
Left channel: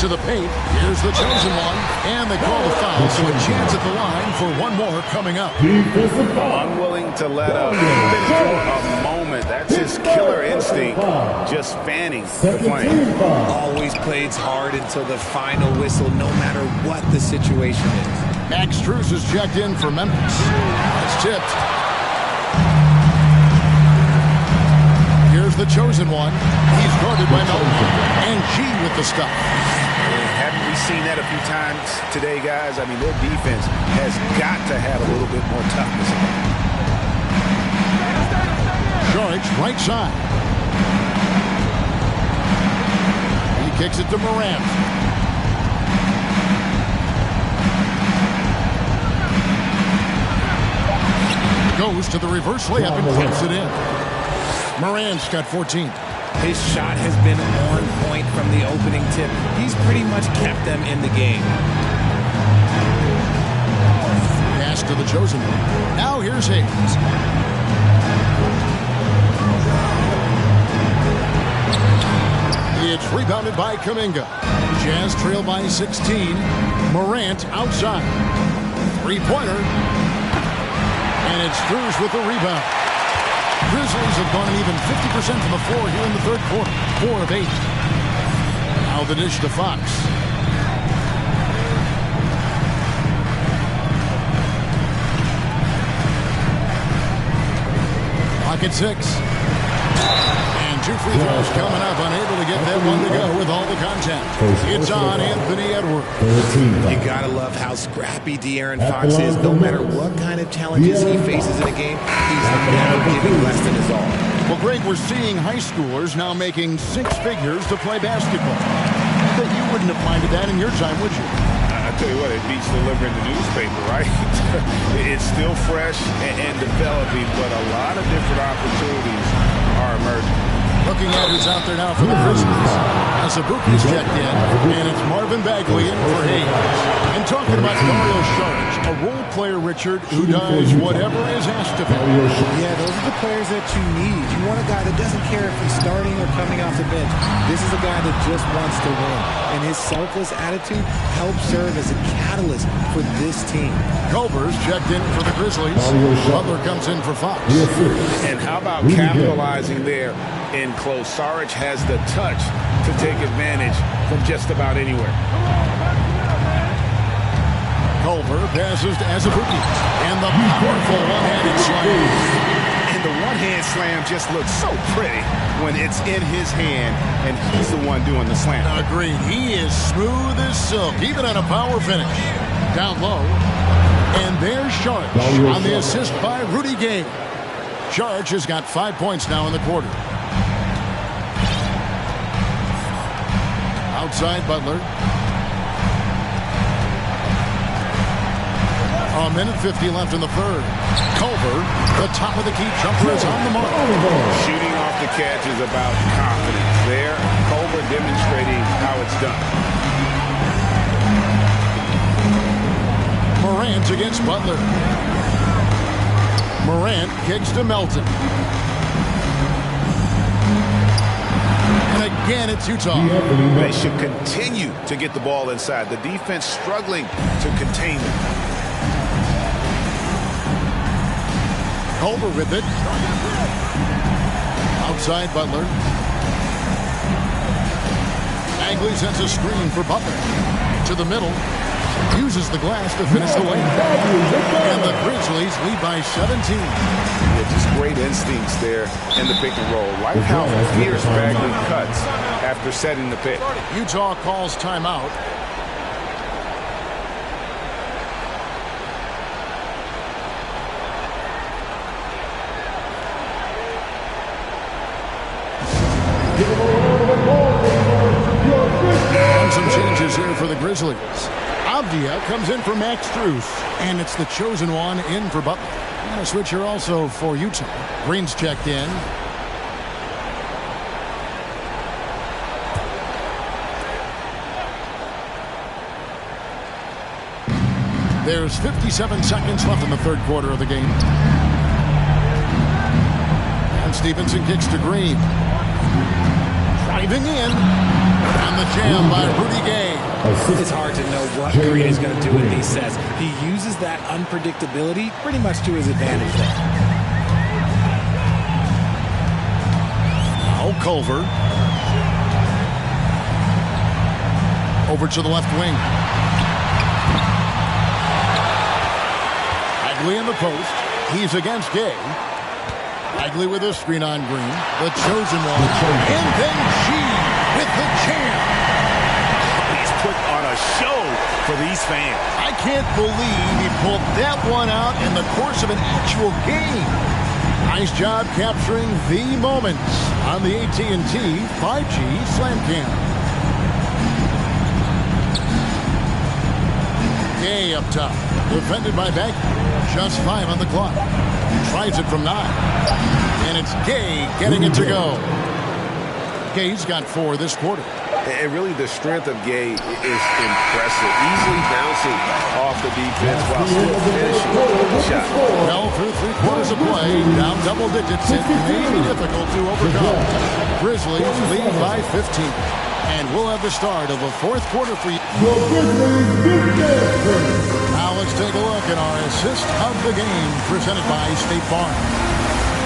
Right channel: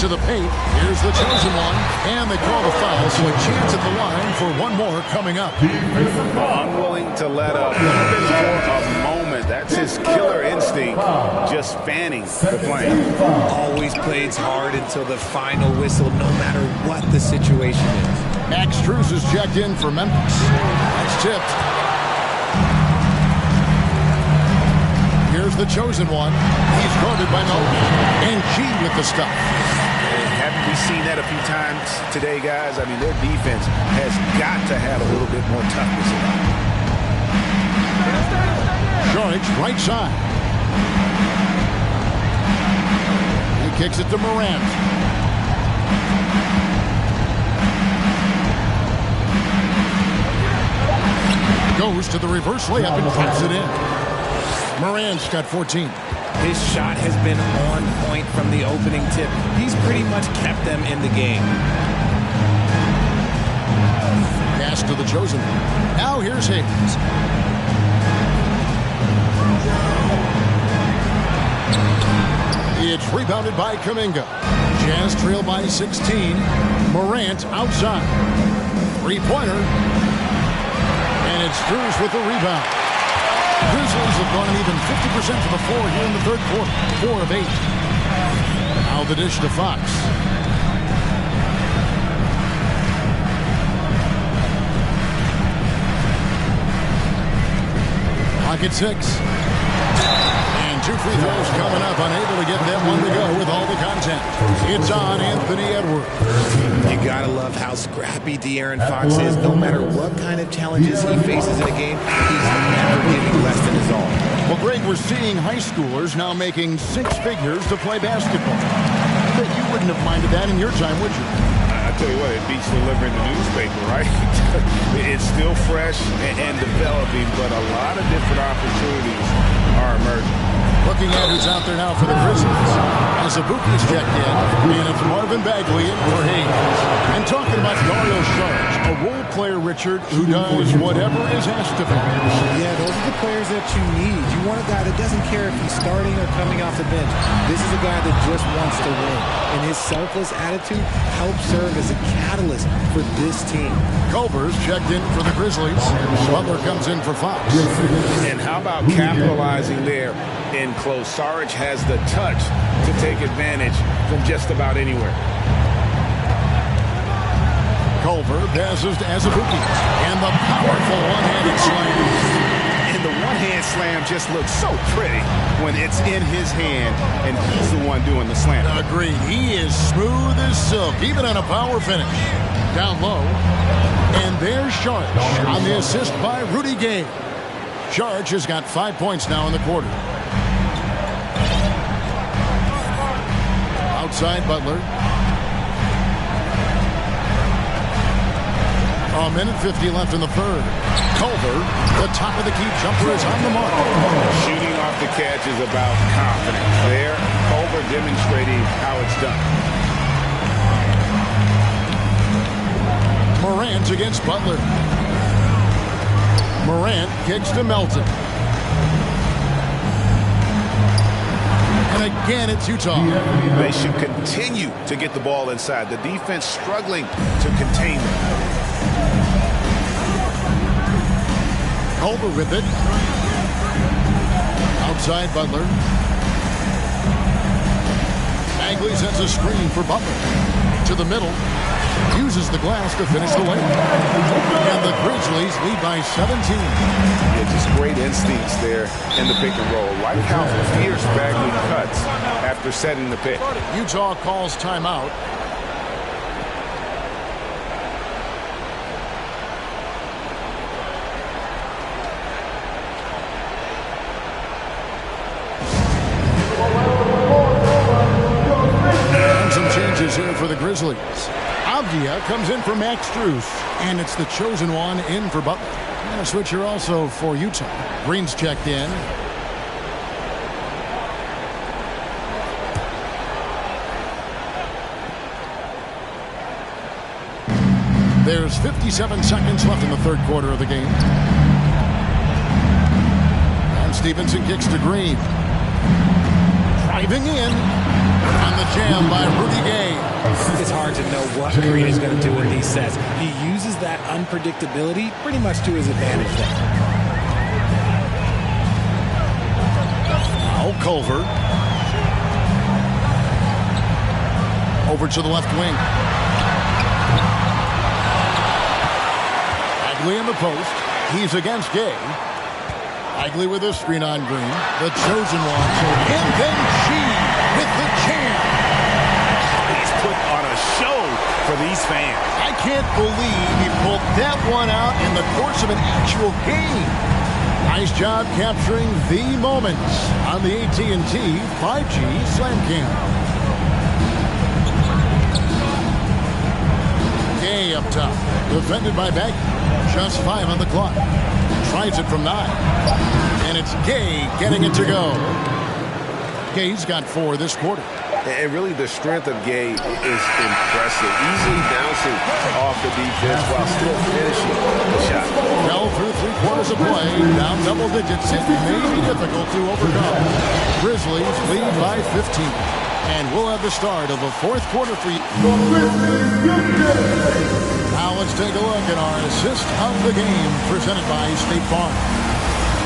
To the paint. Here's the chosen one. And they call the foul, so a chance at the line for one more coming up. Unwilling to let up even for a moment. That's his killer instinct, just fanning the flame. Always plays hard until the final whistle, no matter what the situation is. Max Strus is checked in for Memphis. That's tipped. Here's the chosen one. He's guarded by Melton. And G with the stuff. Haven't we seen that a few times today, guys? I mean, their defense has got to have a little bit more toughness about it. Sharich, right side. He kicks it to Morant. Goes to the reverse layup and clips it in. Morant's got 14. His shot has been on point from the opening tip. He's pretty much kept them in the game. Pass to the chosen one. Now here's Hayes. It's rebounded by Kuminga. Jazz trail by 16. Morant outside. Three-pointer. And it's Strus with the rebound. Grizzlies have gone an even 50% from the floor here in the third quarter. 4 of 8. Now the dish to Fox. Pocket 6. And 2 free throws coming up, unable to get that one to go with all the contact. It's on Anthony Edwards. You got to love how scrappy De'Aaron Fox is. No matter what kind of challenges he faces in a game, he's never giving less than his all. Well, Greg, we're seeing high schoolers now making 6 figures to play basketball. I bet you wouldn't have minded that in your time, would you? I tell you what, it beats delivering the newspaper, right? It's still fresh and developing, but a lot of different opportunities are emerging. Looking at who's out there now for the Grizzlies. Azubuike's checked in, and it's Marvin Bagley in for Hayes. And talking about Dario Saric, a role player, Richard, who does whatever is asked of him. Yeah, those are the players that you need. You want a guy that doesn't care if he's starting or coming off the bench. This is a guy that just wants to win. And his selfless attitude helps serve as a catalyst for this team. Culver's checked in for the Grizzlies. Butler comes in for Fox. And how about capitalizing there in close? Saric has the touch to take advantage from just about anywhere. Culver passes to Azubuike. And the powerful one-handed slam. And the one-hand slam just looks so pretty when it's in his hand and he's the one doing the slam. Agreed. He is smooth as silk, even on a power finish. Down low. And there's Saric on the assist by Rudy Gay. Saric has got 5 points now in the quarter. Outside Butler. A minute 50 left in the third. Culver, the top of the key jumper, is on the mark. Shooting off the catch is about confidence. There, Culver demonstrating how it's done. Morant against Butler. Morant kicks to Melton. And again, it's Utah. They should continue to get the ball inside. The defense struggling to contain them. Culver with it. Outside Butler. Bagley sets a screen for Butler. To the middle. Uses the glass to finish the layup. And the Grizzlies lead by 17. Yeah, just great instincts there in the pick and roll. Like how fierce Bagley cuts after setting the pick. Utah calls timeout. And some changes here for the Grizzlies. Avdia comes in for Max Strus, and it's the chosen one in for Butler. And a switch here also for Utah. Green's checked in. There's 57 seconds left in the third quarter of the game. And Stevenson kicks to Green. Driving in. And the jam by Rudy Gay. It's hard to know what Green is going to do in these sets. He uses that unpredictability pretty much to his advantage there. Now Culver. Over to the left wing. Bagley in the post. He's against Gay. Bagley with a screen on Green. The chosen one. And then G with the jam. He's put on a show for these fans. I can't believe he pulled that one out in the course of an actual game. Nice job capturing the moments on the AT&T 5G Slam Cam. Gay up top. Defended by Bagley. Just 5 on the clock. Tries it from 9. And it's Gay getting it to go. Gay's got 4 this quarter. And really the strength of Gay is impressive. Easily bouncing off the defense while still finishing the shot. Well, through 3 quarters of play, down double digits, it may be difficult to overcome. Grizzlies lead by 15. And we'll have the start of the fourth quarter for you. Now let's take a look at our assist of the game presented by State Farm.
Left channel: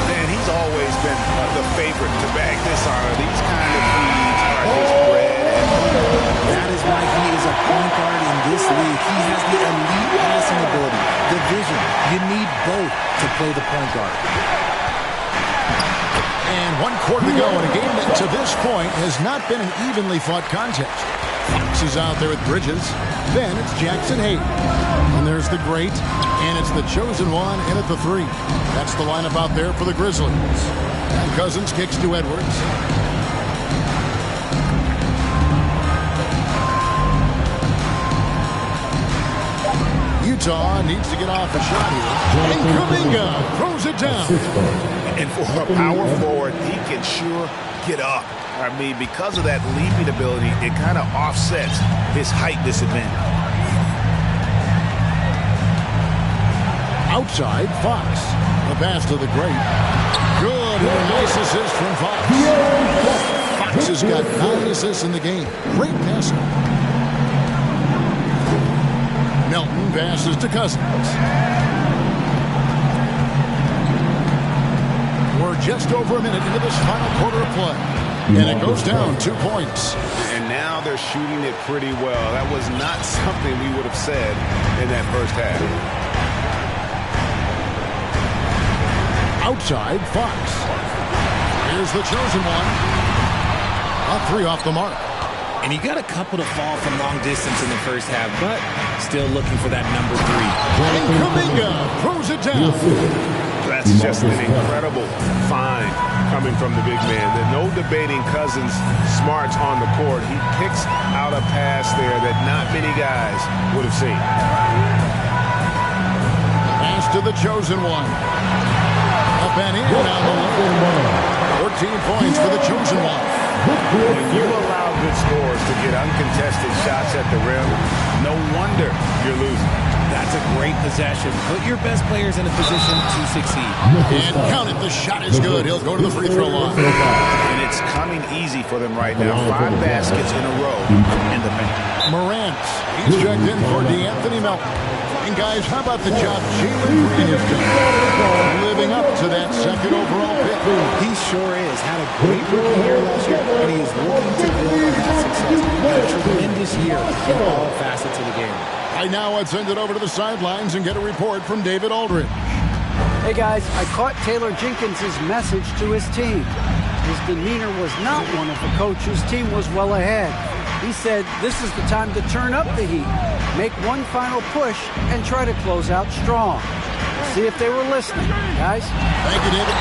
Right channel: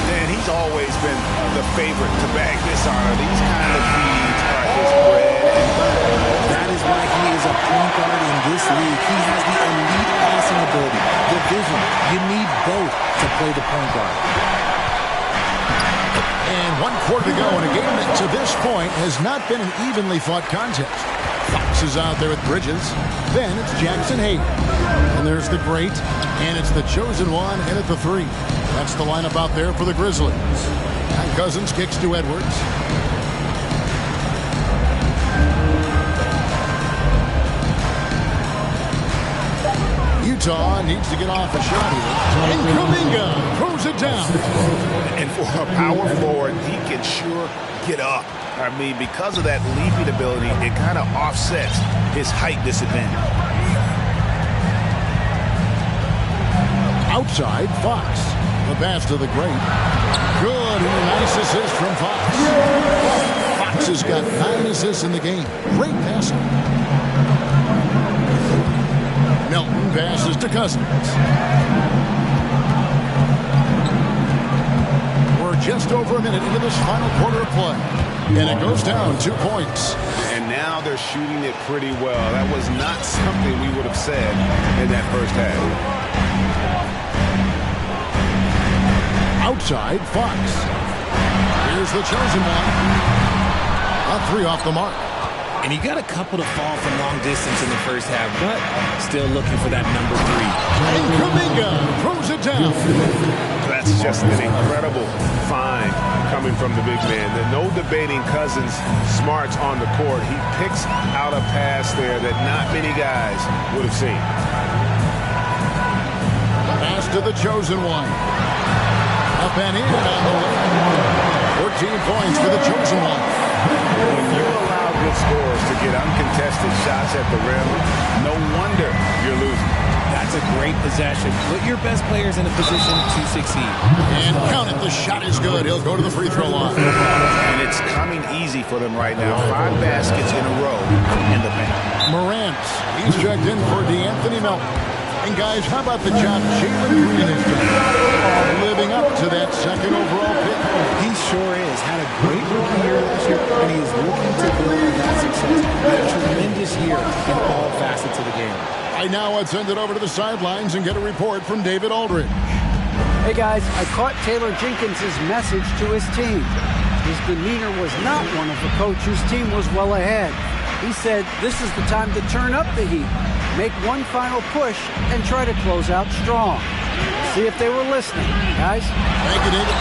And he's always been the favorite to bag this honor. These kind of feeds are his bread and butter. That is why he is a point guard in this league. He has the elite passing ability, the vision. You need both to play the point guard. And 1 quarter to go in a game that to this point has not been an evenly fought contest. Fox is out there with Bridges. Then it's Jackson Hayes. And there's the great. And it's the chosen one in at the 3. That's the lineup out there for the Grizzlies. And Cousins kicks to Edwards. Utah needs to get off a shot here. And Kuminga throws it down. And for a power forward, he can sure get up. I mean, because of that leaping ability, it kind of offsets his height disadvantage. Outside, Fox. The pass to the great. Good, and a nice assist from Fox. Fox has got 9 assists in the game. Great passing. Melton passes to Cousins. We're just over a minute into this final quarter of play. And it goes down 2 points. And now they're shooting it pretty well. That was not something we would have said in that first half. Outside, Fox. Here's the chosen one. A 3 off the mark. And he got a couple to fall from long distance in the first half, but still looking for that number 3. And Kuminga throws it down. That's just an incredible find coming from the big man. There's no debating Cousins' smarts on the court. He picks out a pass there that not many guys would have seen. Pass to the chosen one. Up and in on the way. 14 points for the chosen one. When you allow good scorers to get uncontested shots at the rim, no wonder you're losing. That's a great possession. Put your best players in a position to succeed. And count it. The shot is good. He'll go to the free throw line. And it's coming easy for them right now. 5 baskets in a row in the paint. Morant. He's checked in for DeAnthony Melton. And guys, how about the job Jalen Green has done? Living up to that 2nd overall pick. He sure is. Had a great rookie year last year, and he is looking to build on that success. Had a tremendous year in all facets of the game. Right now, let's send it over to the sidelines and get a report from David Aldridge. Hey guys, I caught Taylor Jenkins' message to his team. His demeanor was not one of a coach whose team was well ahead. He said this is the time to turn up the heat, make one final push, and try to close out strong. See if they were listening, guys. Thank you, David.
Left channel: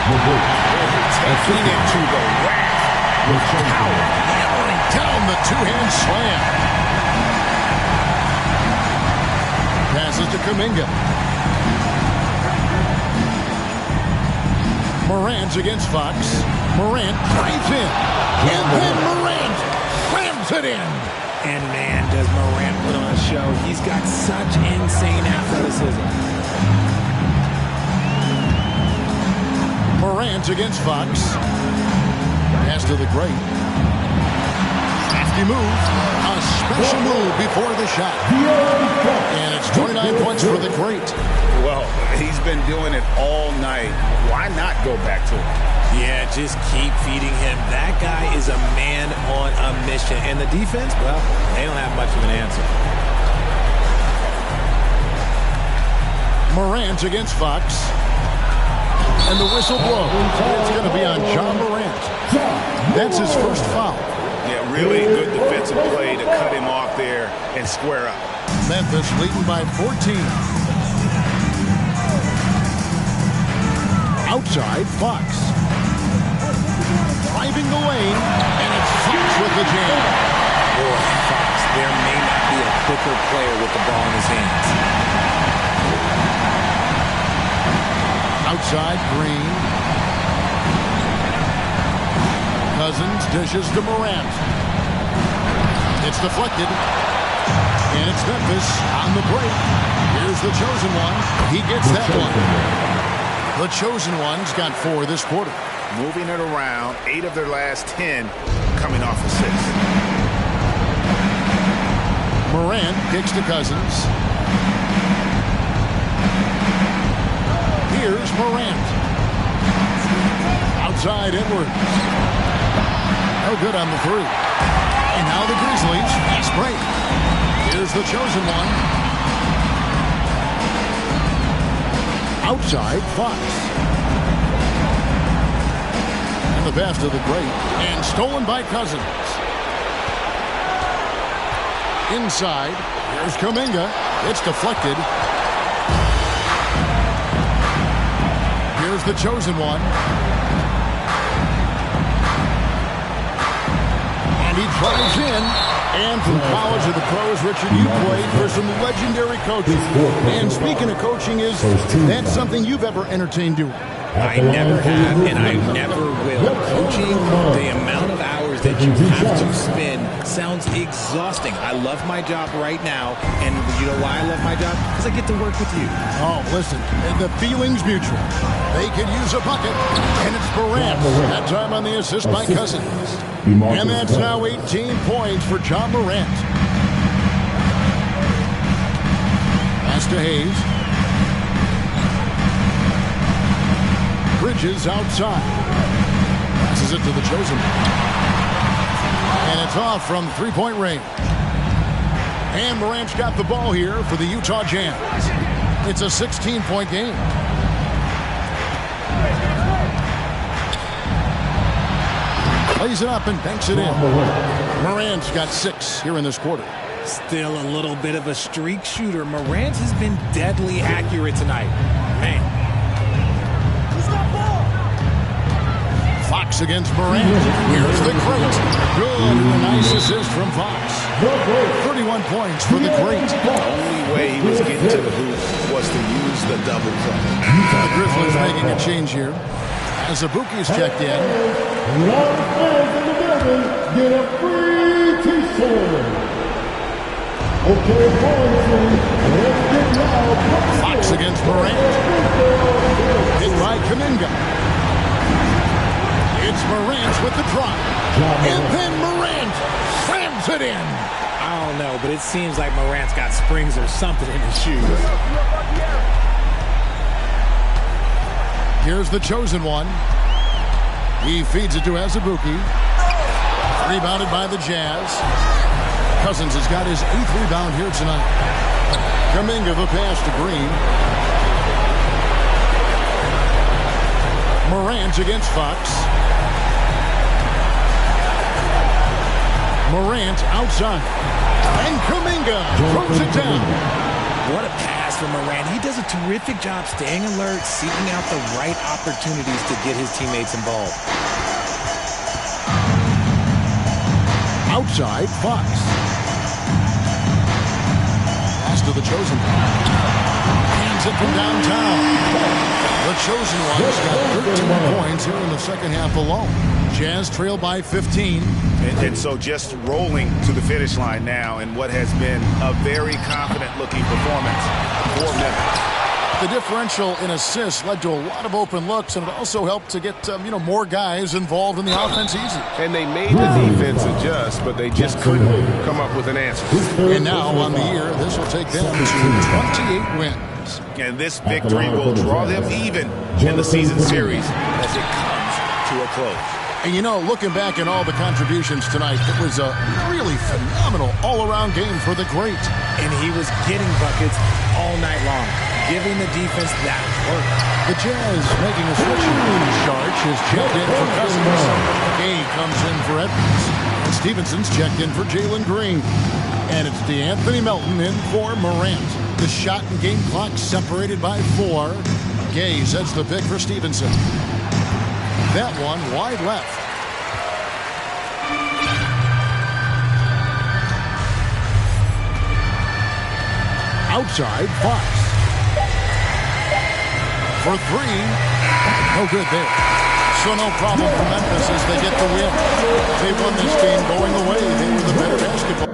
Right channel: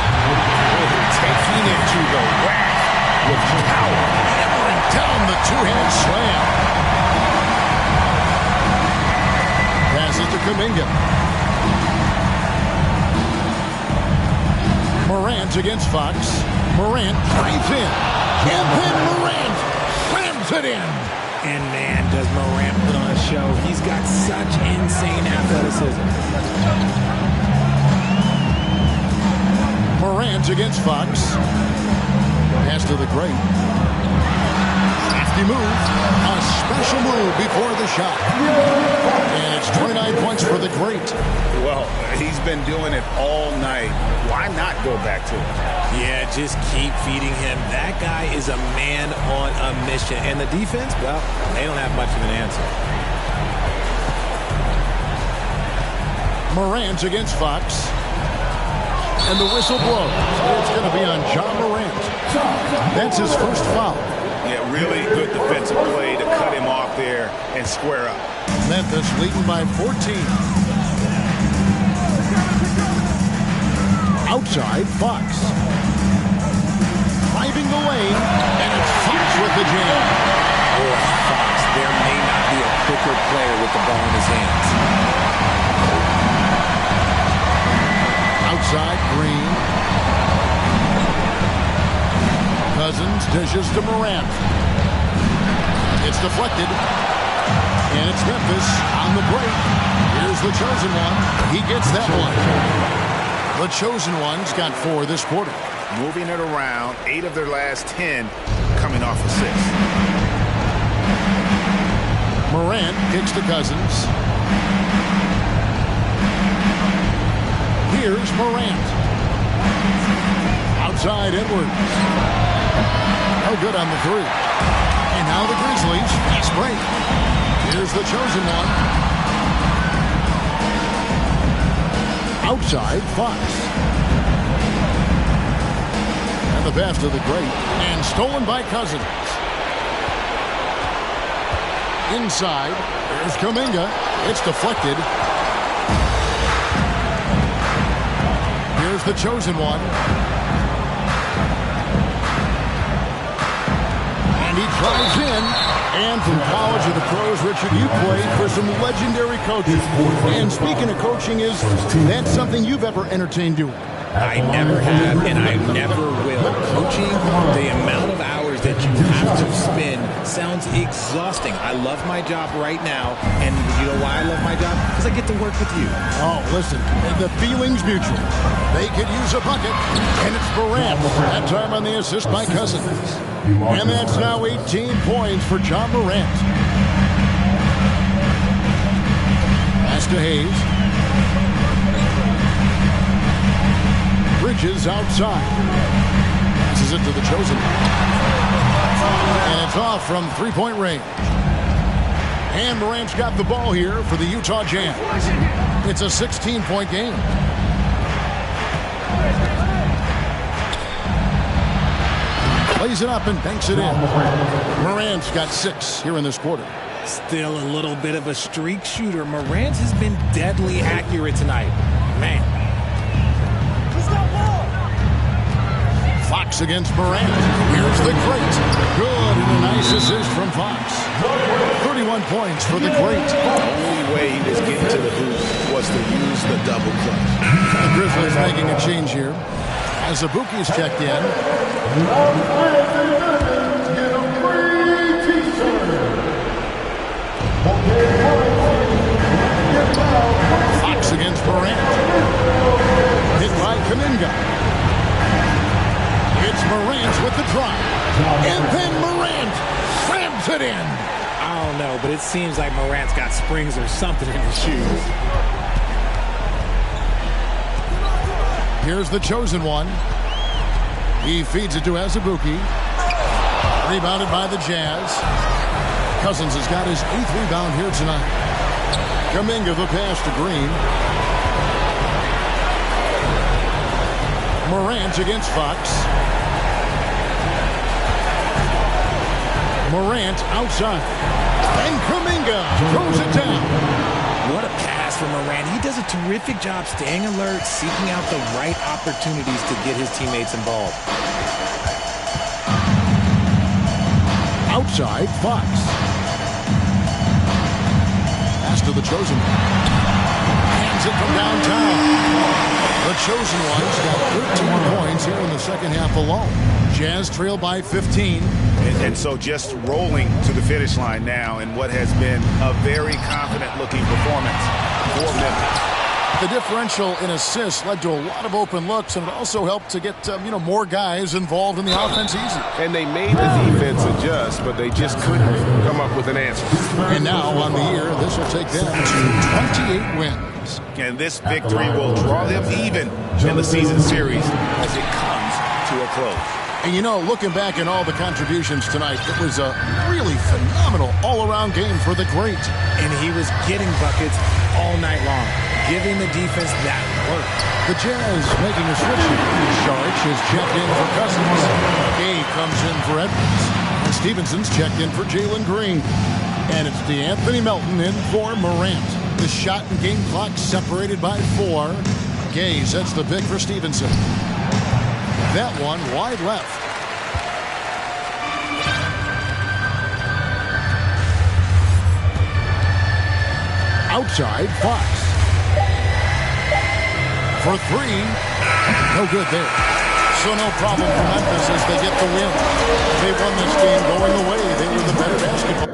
Taking it to the rack with power. Hammering down the 2-hand slam. Passes to Kuminga. Morant against Fox. Morant drives in. And then Morant slams it in. And man, does Morant put on a show. He's got such insane athleticism. Morant against Fox. Pass to the great. Crafty move. A special move before the shot. And it's 29 points for the great. Well, he's been doing it all night. Why not go back to it? Yeah, just keep feeding him. That guy is a man on a mission. And the defense, well, they don't have much of an answer. Morant against Fox. And the whistle blows. It's going to be on John Morant. That's his first foul. Yeah, really good defensive play to cut him off there and square up. Memphis leading by 14. Outside, Fox. Driving the lane, and it's Fox with the jam. Boy, Fox, there may not be a quicker player with the ball in his hands. Outside, Green. Cousins dishes to Morant. It's deflected. And it's Memphis on the break. Here's the chosen one. He gets that one. The chosen one's got 4 this quarter. Moving it around, 8 of their last 10 coming off assists. Morant kicks to Cousins. Here's Morant. Outside Edwards. No good on the 3. And now the Grizzlies fast break. Here's the chosen one. Outside Fox. And the pass to the great. And stolen by Cousins. Inside. Here's Kuminga. It's deflected. Here's the chosen one. And he drives in. And from college to the pros, Richard, you played for some legendary coaches. And speaking of coaching, that's something you've ever entertained doing? I never have, and I never will. Coaching, the amount of hours that you have to spend sounds exhausting. I love my job right now, and you know why I love my job? Because I get to work with you. Oh, listen, the feeling's mutual. They could use a bucket, and it's Morant. That time on the assist by Cousins. And that's now 18 points for Ja Morant. Pass to Hayes. Bridges outside. Passes it to the chosen one. And it's off from three-point range. And Morant's got the ball here for the Utah Jazz. It's a 16-point game. Plays it up and banks it in. Morant's got 6 here in this quarter. Still a little bit of a streak shooter. Morant has been deadly accurate tonight. Man. Fox against Morant. Here's the great. Good, and a nice assist from Fox. 31 points for the great. The only way he was getting to the hoop was to use the double clutch. The Grizzlies making a change here. As Azubuike's checked in. Get a free t-shirt. Fox against Morant. Hit by Kuminga. It's Morant with the drive. And then Morant slams it in. I don't know, but it seems like Morant's got springs or something in his shoes. Here's the chosen one. He feeds it to Azubuike. Rebounded by the Jazz. Cousins has got his 8th rebound here tonight. Kuminga the pass to Green. Morant against Fox. Morant outside. And Kuminga throws it down. What a pass from Morant. He does a terrific job staying alert, seeking out the right opportunities to get his teammates involved. Outside, Fox. Pass to the chosen one. Hands it from downtown. The chosen one's got 13 points here in the second half alone. Jazz trail by 15. And so just rolling to the finish line now in what has been a very confident-looking performance for Memphis. The differential in assists led to a lot of open looks, and it also helped to get more guys involved in the offense easy. And they made the defense adjust, but they just couldn't come up with an answer. And now on the year, this will take them to 28 wins. And this victory will draw them even in the season series as it comes to a close. And looking back at all the contributions tonight, it was a really phenomenal all-around game for the great. And he was getting buckets all night long, giving the defense that work. The Jazz making a switch here. Sharch is checked in for Cousins. Gay comes in for Edwards. And Stevenson's checked in for Jalen Green. And it's DeAnthony Melton in for Morant. The shot and game clock separated by 4. Gay sets the pick for Stevenson. That one wide left. Outside, Fox. For 3. No good there. So no problem for Memphis as they get the win. They won this game going away. They were the better basketball.